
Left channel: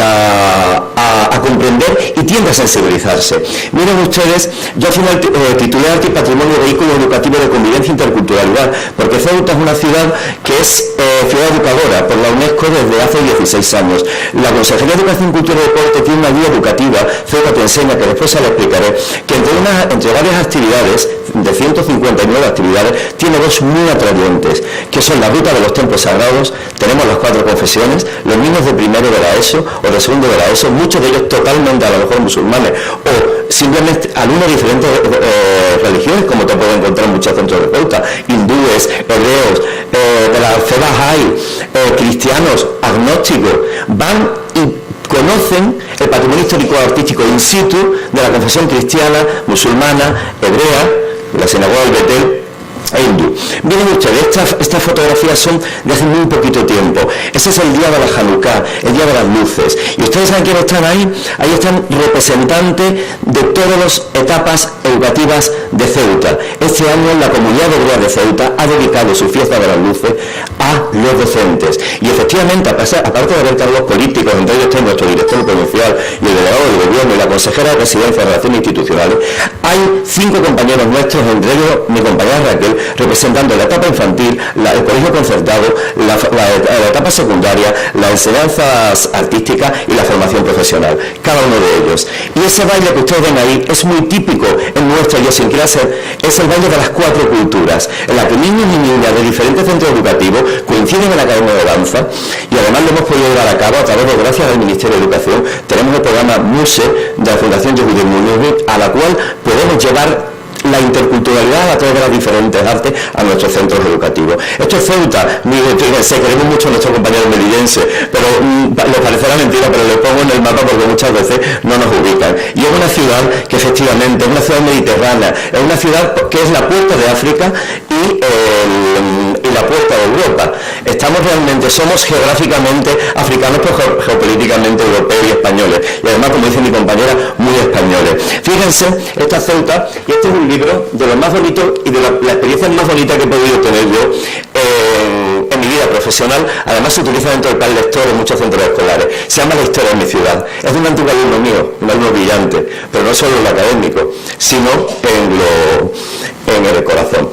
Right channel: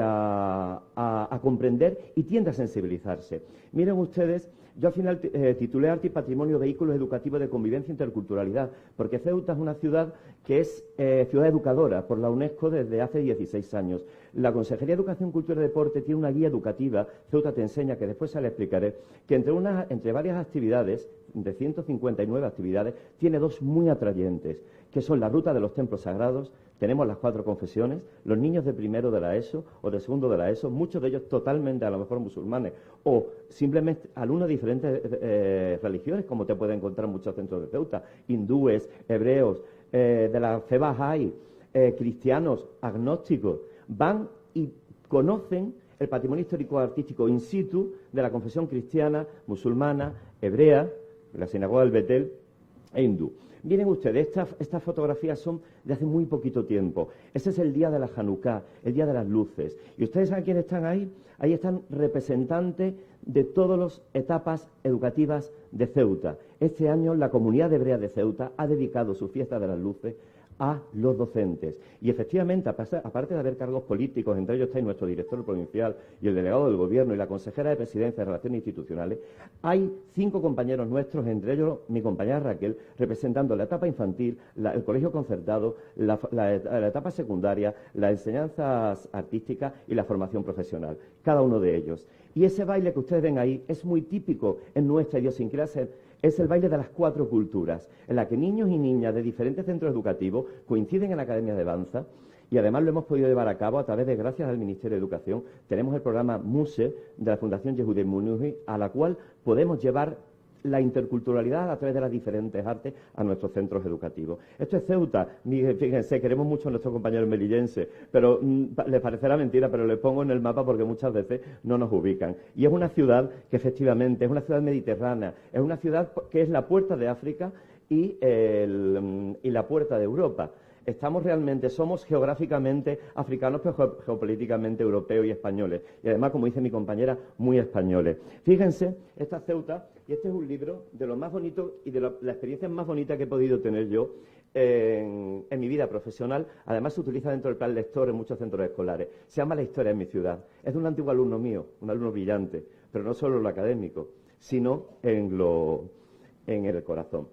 a comprender y tiende a sensibilizarse. Miren ustedes, yo al final titulé Arte y Patrimonio, Vehículo Educativo de Convivencia e Interculturalidad, porque Ceuta es una ciudad que es ciudad educadora por la UNESCO desde hace 16 años. La Consejería de Educación, Cultura y Deporte tiene una guía educativa, Ceuta te enseña, que después se la explicaré, que entre varias actividades, de 159 actividades, tiene 2 muy atrayentes, que son la ruta de los templos sagrados, tenemos las 4 confesiones, los niños de primero de la ESO o de segundo de la ESO, muchos de ellos totalmente a lo mejor musulmanes, o simplemente alumnos de diferentes religiones, como te puedo encontrar en muchos centros de Ceuta, hindúes, hebreos, de la fe Bahá'í, cristianos, agnósticos, van y conocen el patrimonio histórico-artístico in situ de la confesión cristiana, musulmana, hebrea, la sinagoga del Betel, hindú. Miren ustedes, estas fotografías son de hace muy poquito tiempo. Ese es el día de la Hanukkah, el día de las luces. Y ustedes saben quiénes están ahí. Ahí están representantes de todas las etapas educativas de Ceuta. Este año la Comunidad Hebrea de Ceuta ha dedicado su fiesta de las luces a los docentes. Y efectivamente, aparte de haber cargos políticos, entre ellos está nuestro director provincial y el delegado del gobierno y la consejera de Presidencia de Relaciones Institucionales, hay 5 compañeros nuestros, entre ellos mi compañera Raquel, representando la etapa infantil, el colegio concertado, la etapa secundaria, las enseñanzas artísticas y la formación profesional, cada uno de ellos. Y ese baile que ustedes ven ahí es muy típico en nuestra idiosincrasia, es el baile de las 4 culturas, en la que niños y niñas de diferentes centros educativos coinciden en la Academia de Danza, y además lo hemos podido llevar a cabo a través de, gracias al Ministerio de Educación, tenemos el programa MUSE de la Fundación Yehudi Menuhin, a la cual podemos llevar la interculturalidad a través de las diferentes artes a nuestros centros educativos. Esto es Ceuta, fíjense, queremos mucho a nuestros compañeros melidenses, pero les parecerá mentira, pero les pongo en el mapa porque muchas veces no nos ubican. Y es una ciudad que efectivamente es una ciudad mediterránea, es una ciudad que es la puerta de África y la puerta de Europa. Somos geográficamente africanos, pero geopolíticamente europeos y españoles. Y además, como dice mi compañera, muy españoles. Fíjense, esta Ceuta, y este es un libro de lo más bonito y de la experiencia más bonita que he podido tener yo en mi vida profesional. Además se utiliza dentro del plan lector en muchos centros escolares. Se llama La historia de mi ciudad. Es de un antiguo alumno mío, un alumno brillante, pero no solo en lo académico, sino en el corazón.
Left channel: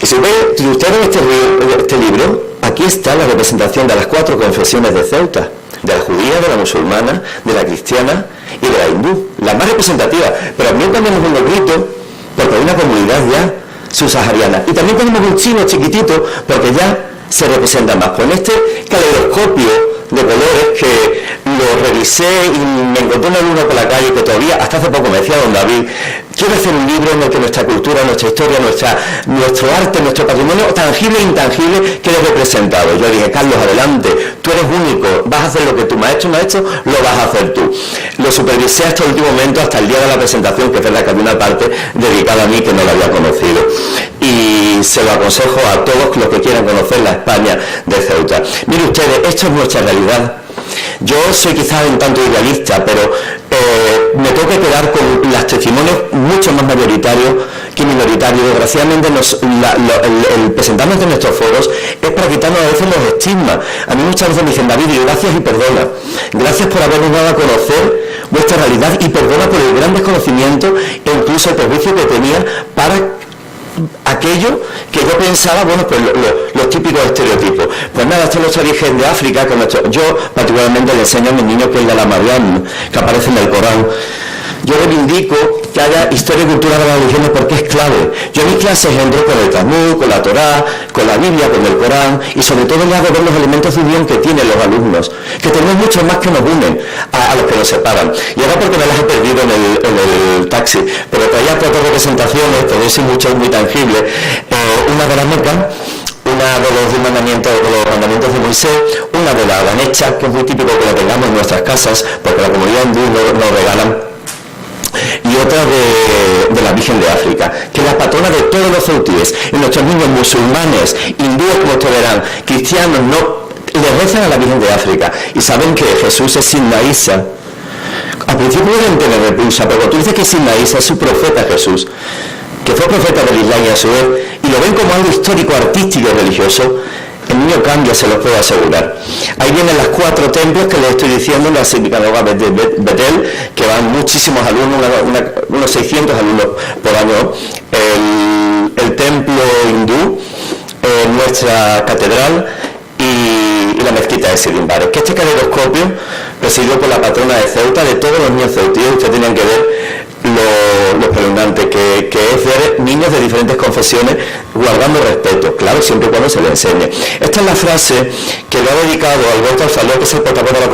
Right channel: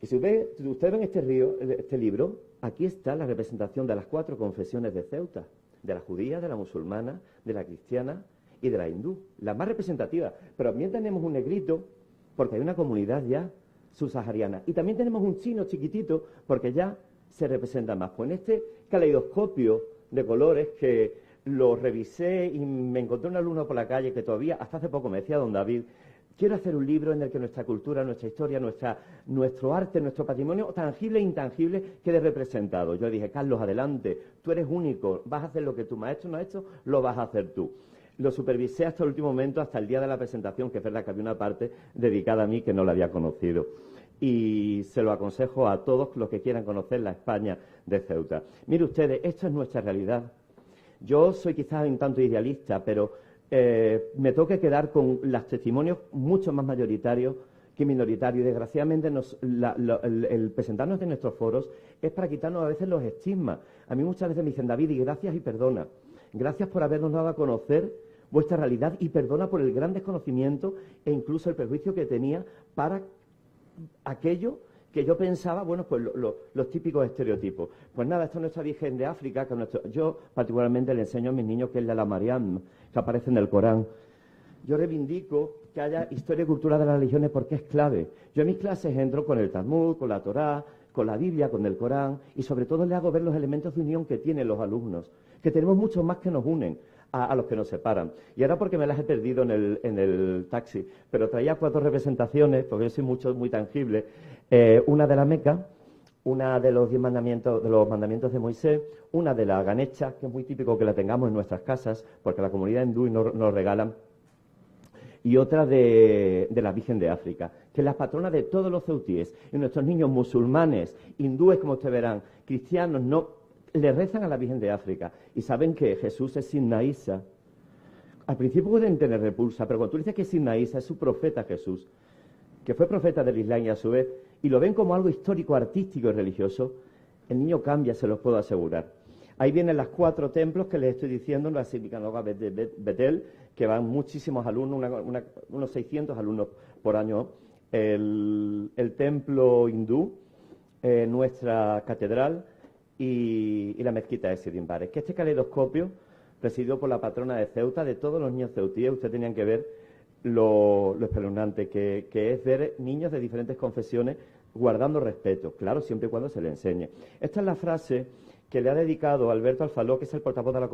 Y si ustedes ven este libro, aquí está la representación de las 4 confesiones de Ceuta, de la judía, de la musulmana, de la cristiana y de la hindú, la más representativa. Pero también tenemos un negrito, porque hay una comunidad ya subsahariana. Y también tenemos un chino chiquitito, porque ya se representa más. Con este caleidoscopio de colores que lo revisé y me encontré un alumno por la calle que todavía, hasta hace poco me decía don David, quiero hacer un libro en el que nuestra cultura, nuestra historia, nuestro arte, nuestro patrimonio tangible e intangible quede representado. Yo dije, Carlos, adelante, tú eres único, vas a hacer lo que tu maestro no ha hecho, lo vas a hacer tú. Lo supervisé hasta el último momento, hasta el día de la presentación, que es verdad que había una parte dedicada a mí que no la había conocido. Y se lo aconsejo a todos los que quieran conocer la España de Ceuta. Mire ustedes, esto es nuestra realidad. Yo soy quizás un tanto idealista, pero me tengo que quedar con los testimonios mucho más mayoritarios que minoritarios. Desgraciadamente el presentarnos de nuestros foros es para quitarnos a veces los estigmas. A mí muchas veces me dicen, David, gracias y perdona. Gracias por habernos dado a conocer vuestra realidad y perdona por el gran desconocimiento e incluso el prejuicio que tenía para aquello que yo pensaba, bueno, pues los típicos estereotipos. Pues nada, esto es nuestro origen de África, yo particularmente le enseño a mis niños que es la Mariam, que aparece en el Corán. Yo reivindico que haya historia y cultura de las religiones porque es clave. Yo en mis clases entro con el Talmud, con la Torá, con la Biblia, con el Corán y sobre todo les hago ver los elementos de unión que tienen los alumnos, que tenemos muchos más que nos unen a los que nos separan. Y ahora porque me las he perdido en el taxi, pero traía 4 representaciones, tenéis mucho muy tangible, una de la Meca, una de los mandamientos de Moisés, una de la Ganesha, que es muy típico que la tengamos en nuestras casas, porque la comunidad hindú nos regalan, y otra de la Virgen de África, que es la patrona de todos los ceutíes. Y nuestros niños musulmanes, hindúes, como ustedes verán, cristianos, le rezan a la Virgen de África y saben que Jesús es Sidna Isa. Al principio pueden tener repulsa, pero tú dices que Sidna Isa es su profeta Jesús, que fue profeta del Islam y a su vez, y lo ven como algo histórico, artístico y religioso, el niño cambia, se los puedo asegurar. Ahí vienen las 4 templos que les estoy diciendo, la sinagoga de Betel, que van muchísimos alumnos, unos 600 alumnos por año, el templo hindú, nuestra catedral y la mezquita de Sirimbares. Que este caleidoscopio, presidido por la patrona de Ceuta, de todos los niños ceutíes, ustedes tenían que ver lo espeluznante que es ver niños de diferentes confesiones guardando respeto, claro, siempre y cuando se les enseñe. Esta es la frase que le ha dedicado Alberto Alfaló, que es el portavoz de la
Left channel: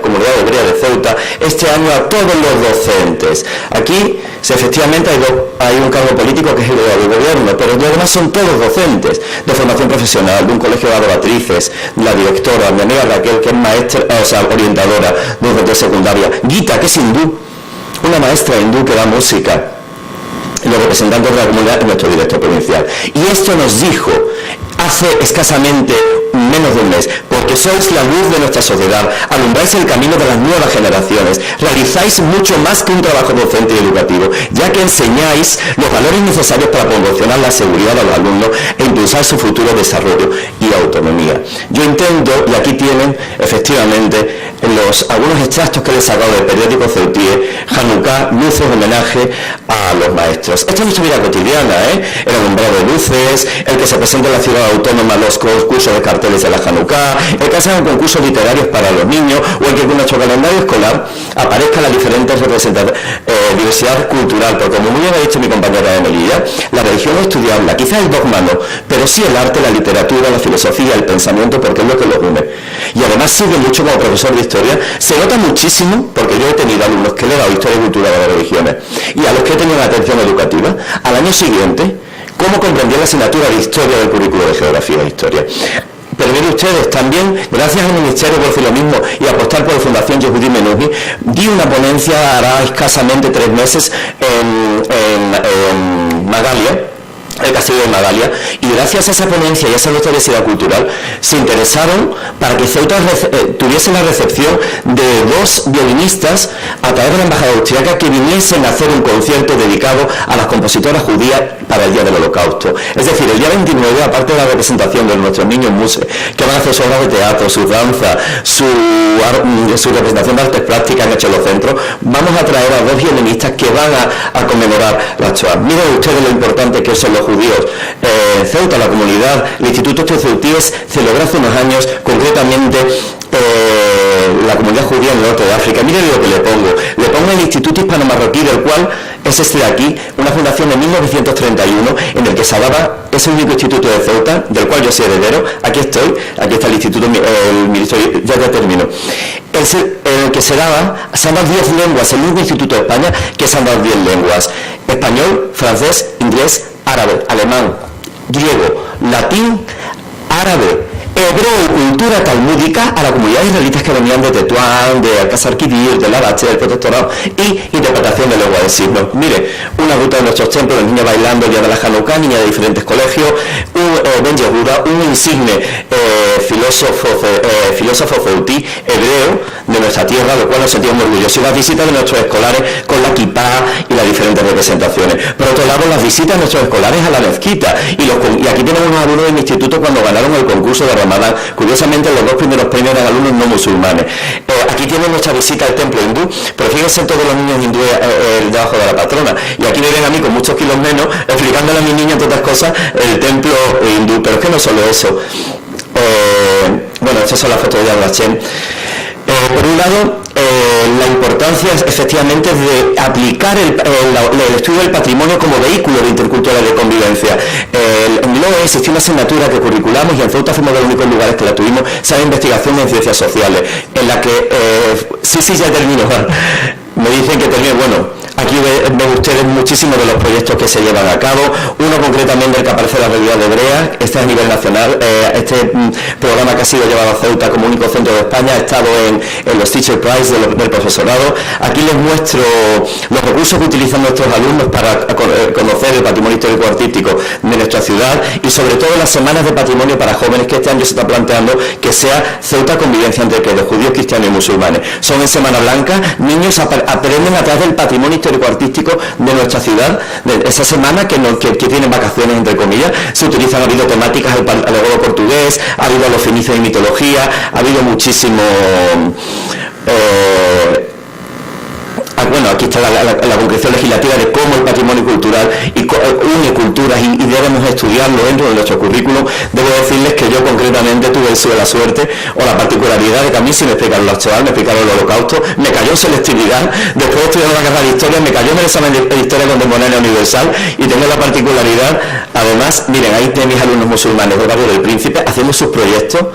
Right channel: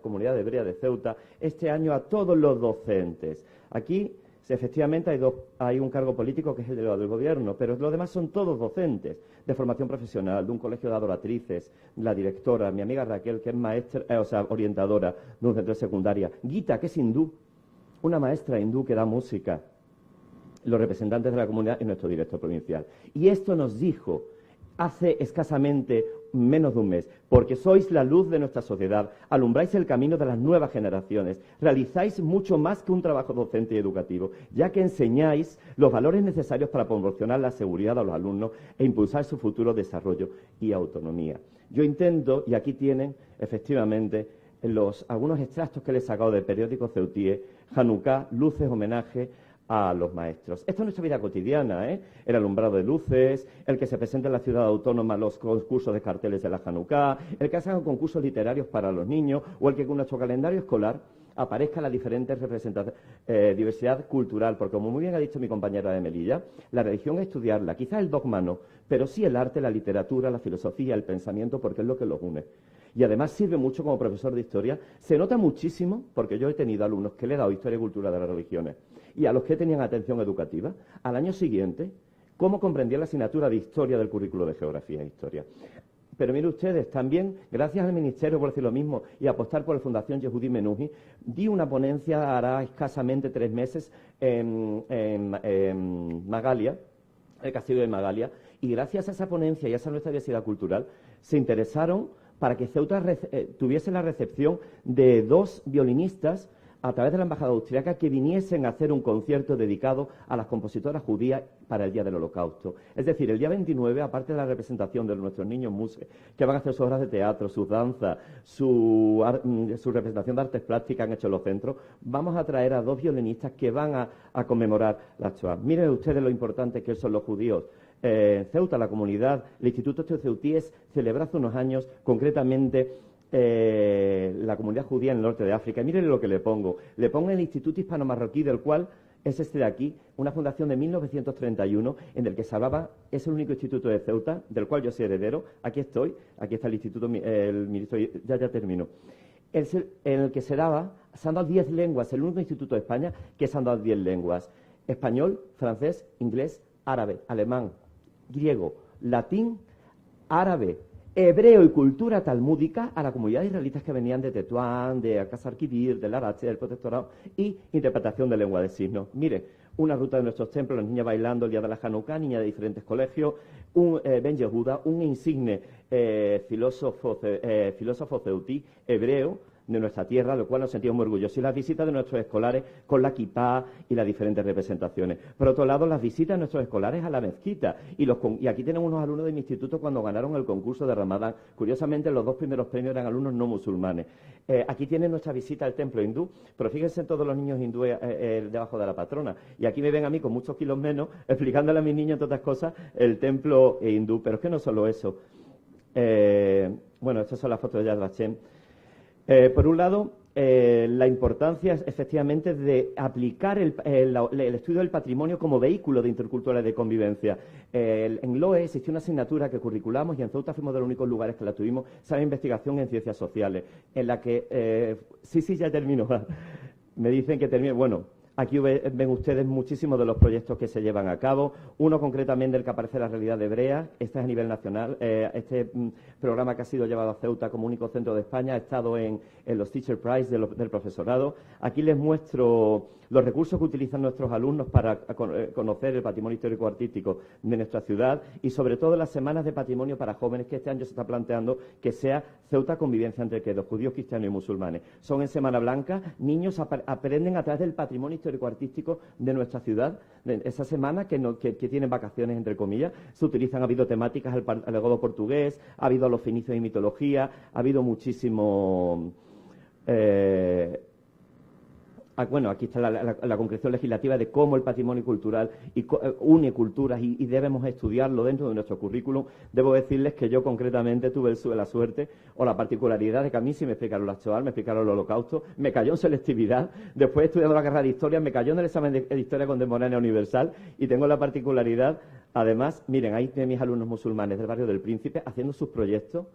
comunidad hebrea de Ceuta, este año a todos los docentes. Aquí, efectivamente, hay un cargo político que es el del gobierno, pero además son todos docentes de formación profesional, de un colegio de adoratrices, la directora, mi amiga Raquel, que es maestra, orientadora de un centro de secundaria, Gita, que es hindú, una maestra hindú que da música. los representantes de la comunidad en nuestro director provincial. Y esto nos dijo hace escasamente menos de un mes, porque sois la luz de nuestra sociedad, alumbráis el camino de las nuevas generaciones, realizáis mucho más que un trabajo docente y educativo, ya que enseñáis los valores necesarios para promocionar la seguridad de los alumnos e impulsar su futuro desarrollo y autonomía. Yo intento, y aquí tienen efectivamente algunos extractos que les he sacado del periódico Ceutíe, Hanukkah, luces, homenaje a los maestros. Esta es nuestra vida cotidiana, el alumbrado de luces, el que se presenta en la ciudad autónoma los concursos de carteles de la Hanukkah, el que hacen concursos literarios para los niños, o el que con nuestro calendario escolar aparezca la diferente diversidad cultural, porque como muy bien ha dicho mi compañera Emelilla, la religión no es estudiarla, quizás el dogma no, pero sí el arte, la literatura, la filosofía, el pensamiento, porque es lo que los une. Y además sigue mucho como profesor de historia, se nota muchísimo, porque yo he tenido alumnos que le he dado historia y cultura de las religiones, y a los que he tenido una atención educativa, al año siguiente, cómo comprendía la asignatura de historia del currículo de geografía e historia. Pero miren ustedes, también, gracias al Ministerio por decir lo mismo y apostar por la Fundación Yehudi Menuhin, di una ponencia hará escasamente 3 meses en Magalia, el castillo de Magalia, y gracias a esa ponencia y a esa diversidad cultural se interesaron para que Ceuta tuviese la recepción de 2 violinistas a través de la embajada austríaca que viniesen a hacer un concierto dedicado a las compositoras judías para el Día del Holocausto. Es decir, el día 29, aparte de la representación de nuestros niños muses, que van a hacer sus obras de teatro, su danza, su representación de artes plásticas en los centros, vamos a traer a 2 violinistas que van a conmemorar la Shoah. Miren ustedes lo importante que son los judíos. Ceuta, la comunidad, el Instituto Ceutíes celebró hace unos años, concretamente la comunidad judía en el norte de África. Miren lo que le pongo el Instituto Hispano-Marroquí, del cual es este de aquí, una fundación en 1931 en el que se daba, es el único instituto de Ceuta, del cual yo soy heredero. Aquí está el instituto, el ministerio, ya termino. El que se han dado 10 lenguas, el único instituto de España que se han dado 10 lenguas: español, francés, inglés, árabe, alemán, griego, latín, árabe, hebreo y cultura talmúdica a la comunidad israelita que venían de Tetuán, de Alcázar Quibir, de Larache, del protectorado, y interpretación de lengua de signos. Mire, una ruta de nuestros templos, los niños bailando el día de la Hanukkah, niñas de diferentes colegios, un Ben Yehuda, un insigne filósofo ceutí, hebreo de nuestra tierra, lo cual nos sentimos muy orgullosos, y las visitas de nuestros escolares con la kipá y las diferentes representaciones. Por otro lado, las visitas de nuestros escolares a la mezquita, y aquí tenemos unos alumnos de mi instituto cuando ganaron el concurso de Ramadán. Curiosamente, los 2 primeros premios eran alumnos no musulmanes. Aquí tienen nuestra visita al templo hindú, pero fíjense todos los niños hindúes debajo de la patrona, y aquí me ven a mí con muchos kilos menos explicándole a mis niños, entre otras cosas, el templo hindú. Pero es que no solo eso, bueno, estas son las fotos de Yad Vashem. Por un lado, la importancia efectivamente de aplicar el estudio del patrimonio como vehículo de intercultural de convivencia. En LOE existió una asignatura que curriculamos, y en Ceuta fuimos de los únicos lugares que la tuvimos, esa investigación en ciencias sociales, en la que, sí, ya termino, Juan. Me dicen que termino, bueno, aquí ven ustedes muchísimos de los proyectos que se llevan a cabo, uno concretamente el que aparece en la realidad de Hebrea, este es a nivel nacional, este programa que ha sido llevado a Ceuta como único centro de España, ha estado en los Teacher Prize del profesorado. Aquí les muestro los recursos que utilizan nuestros alumnos para conocer el patrimonio histórico artístico de nuestra ciudad, y sobre todo las semanas de patrimonio para jóvenes, que este año se está planteando que sea Ceuta convivencia entre los judíos, cristianos y musulmanes. Son en Semana Blanca, niños aprenden a través del patrimonio histórico-artístico de nuestra ciudad. De esa semana que tienen vacaciones, entre comillas, se utilizan, ha habido temáticas al legado portugués, ha habido los fenicios y mitología, ha habido muchísimo... bueno, aquí está la concreción legislativa de cómo el patrimonio cultural une culturas y debemos estudiarlo dentro de nuestro currículum. Debo decirles que yo concretamente tuve la suerte o la particularidad de que a mí sí me explicaron la Shoah, me explicaron el Holocausto, me cayó en selectividad, después de estudiar la carrera de Historia, me cayó en el examen de Historia Contemporánea Universal, y tengo la particularidad, además, miren, ahí tienen mis alumnos musulmanes del barrio del Príncipe haciendo sus proyectos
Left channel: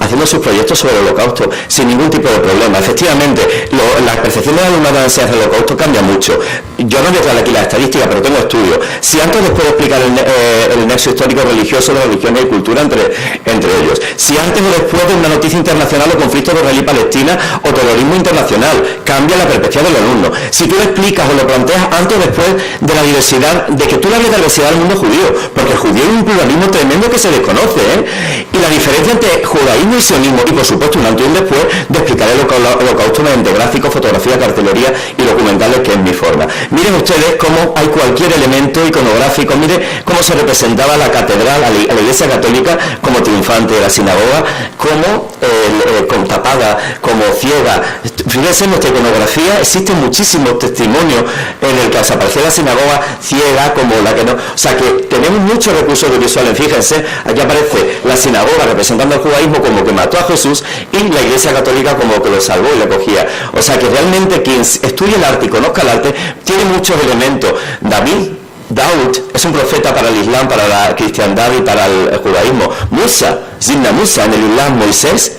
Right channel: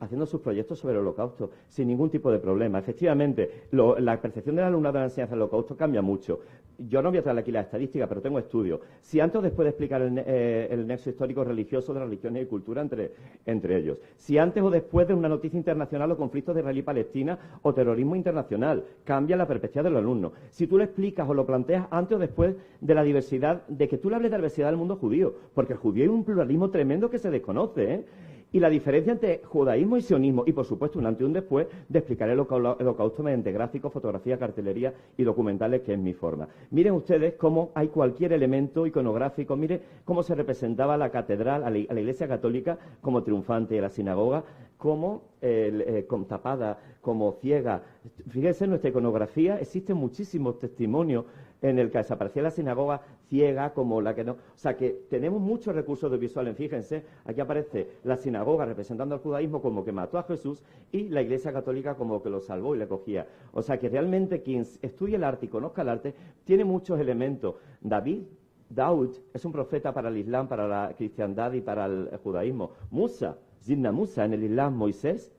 haciendo sus proyectos sobre el Holocausto sin ningún tipo de problema. Efectivamente, la percepción del alumnado de la enseñanza del Holocausto cambia mucho. Yo no voy a traer aquí la estadística, pero tengo estudios. Si antes les puedo explicar el nexo histórico religioso de religiones y cultura entre ellos. Si antes o después de una noticia internacional o conflicto de Israel y Palestina o terrorismo internacional, cambia la perspectiva del alumno. Si tú lo explicas o lo planteas antes o después de la diversidad, de que tú le hables de la diversidad del mundo judío, porque el judío es un pluralismo tremendo que se desconoce, ¿eh? Y la diferencia entre judaísmo y sionismo, y por supuesto un antes y un después de explicar el holocausto mediante gráficos, fotografía, cartelería y documentales, que es mi forma. Miren ustedes cómo hay cualquier elemento iconográfico, miren cómo se representaba la catedral, a la iglesia católica como triunfante de la sinagoga, como con tapada, como ciega. Fíjense en nuestra iconografía, existen muchísimos testimonios en el que desapareció la sinagoga ciega, como la que no. O sea que tenemos muchos recursos audiovisuales. Fíjense, aquí aparece la sinagoga representando al judaísmo como que mató a Jesús y la iglesia católica como que lo salvó y le cogía. O sea que realmente quien estudie el arte y conozca el arte tiene muchos elementos. Daud es un profeta para el Islam, para la cristiandad y para el judaísmo. Musa, Zimna Musa, en el Islam, Moisés,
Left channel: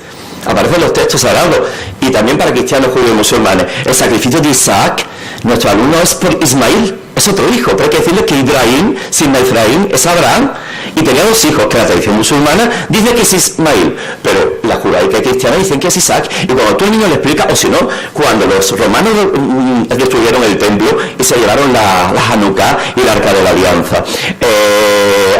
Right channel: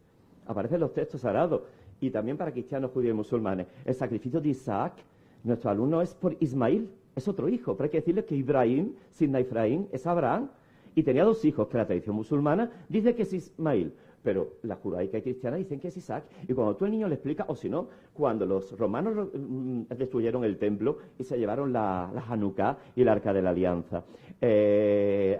aparecen los textos sagrados, y también para cristianos, judíos y musulmanes. El sacrificio de Isaac, nuestro alumno, es por Ismael, es otro hijo, pero hay que decirles que Ibrahim, sin Efraín, es Abraham, y tenía 2 hijos, que la tradición musulmana dice que es Ismael, pero la judaica y cristiana dicen que es Isaac. Y cuando tú al niño le explicas, o si no, cuando los romanos destruyeron el templo y se llevaron la Hanukkah y el Arca de la Alianza,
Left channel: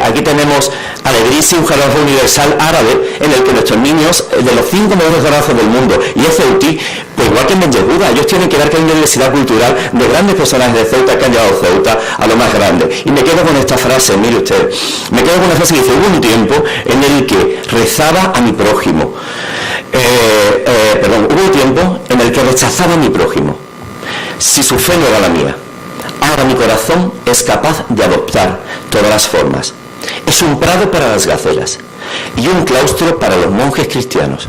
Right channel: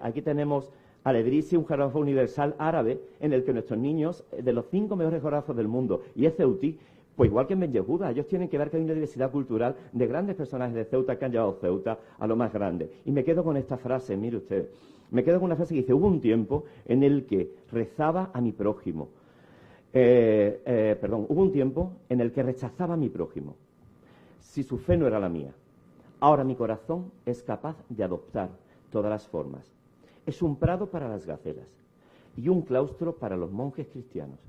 aquí tenemos Alegrici, un geógrafo universal árabe, en el que nuestros niños, de los 5 mejores geógrafos del mundo, y es Ceutí, pues igual que en Benjehuda, ellos tienen que dar que hay una diversidad cultural de grandes personajes de Ceuta que han llevado Ceuta a lo más grande. Y me quedo con esta frase, mire usted, me quedo con una frase que dice: hubo un tiempo en el que rezaba a mi prójimo, hubo un tiempo en el que rechazaba a mi prójimo, si su fe no era la mía. Ahora mi corazón es capaz de adoptar todas las formas. Es un prado para las gacelas y un claustro para los monjes cristianos,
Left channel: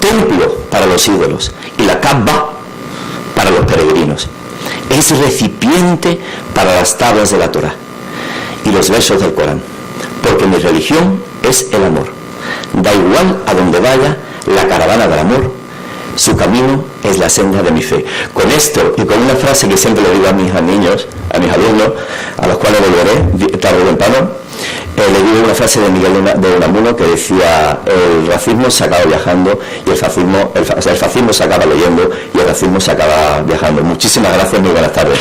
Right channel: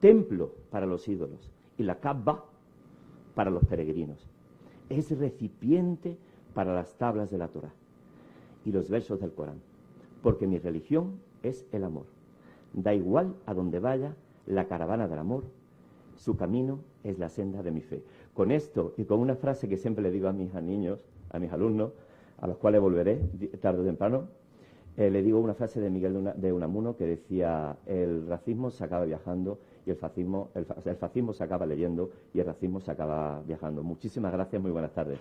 templo para los ídolos y la Kaaba para los peregrinos. Es recipiente para las tablas de la Torá y los versos del Corán, porque mi religión es el amor. Da igual a donde vaya la caravana del amor, su camino es la senda de mi fe. Con esto y con una frase que siempre le digo a mis niños, a mis alumnos, a los cuales volveré tarde o temprano, le digo una frase de Miguel de Unamuno que decía: el racismo se acaba viajando y el fascismo se acaba leyendo y el racismo se acaba viajando. Muchísimas gracias, muy buenas tardes.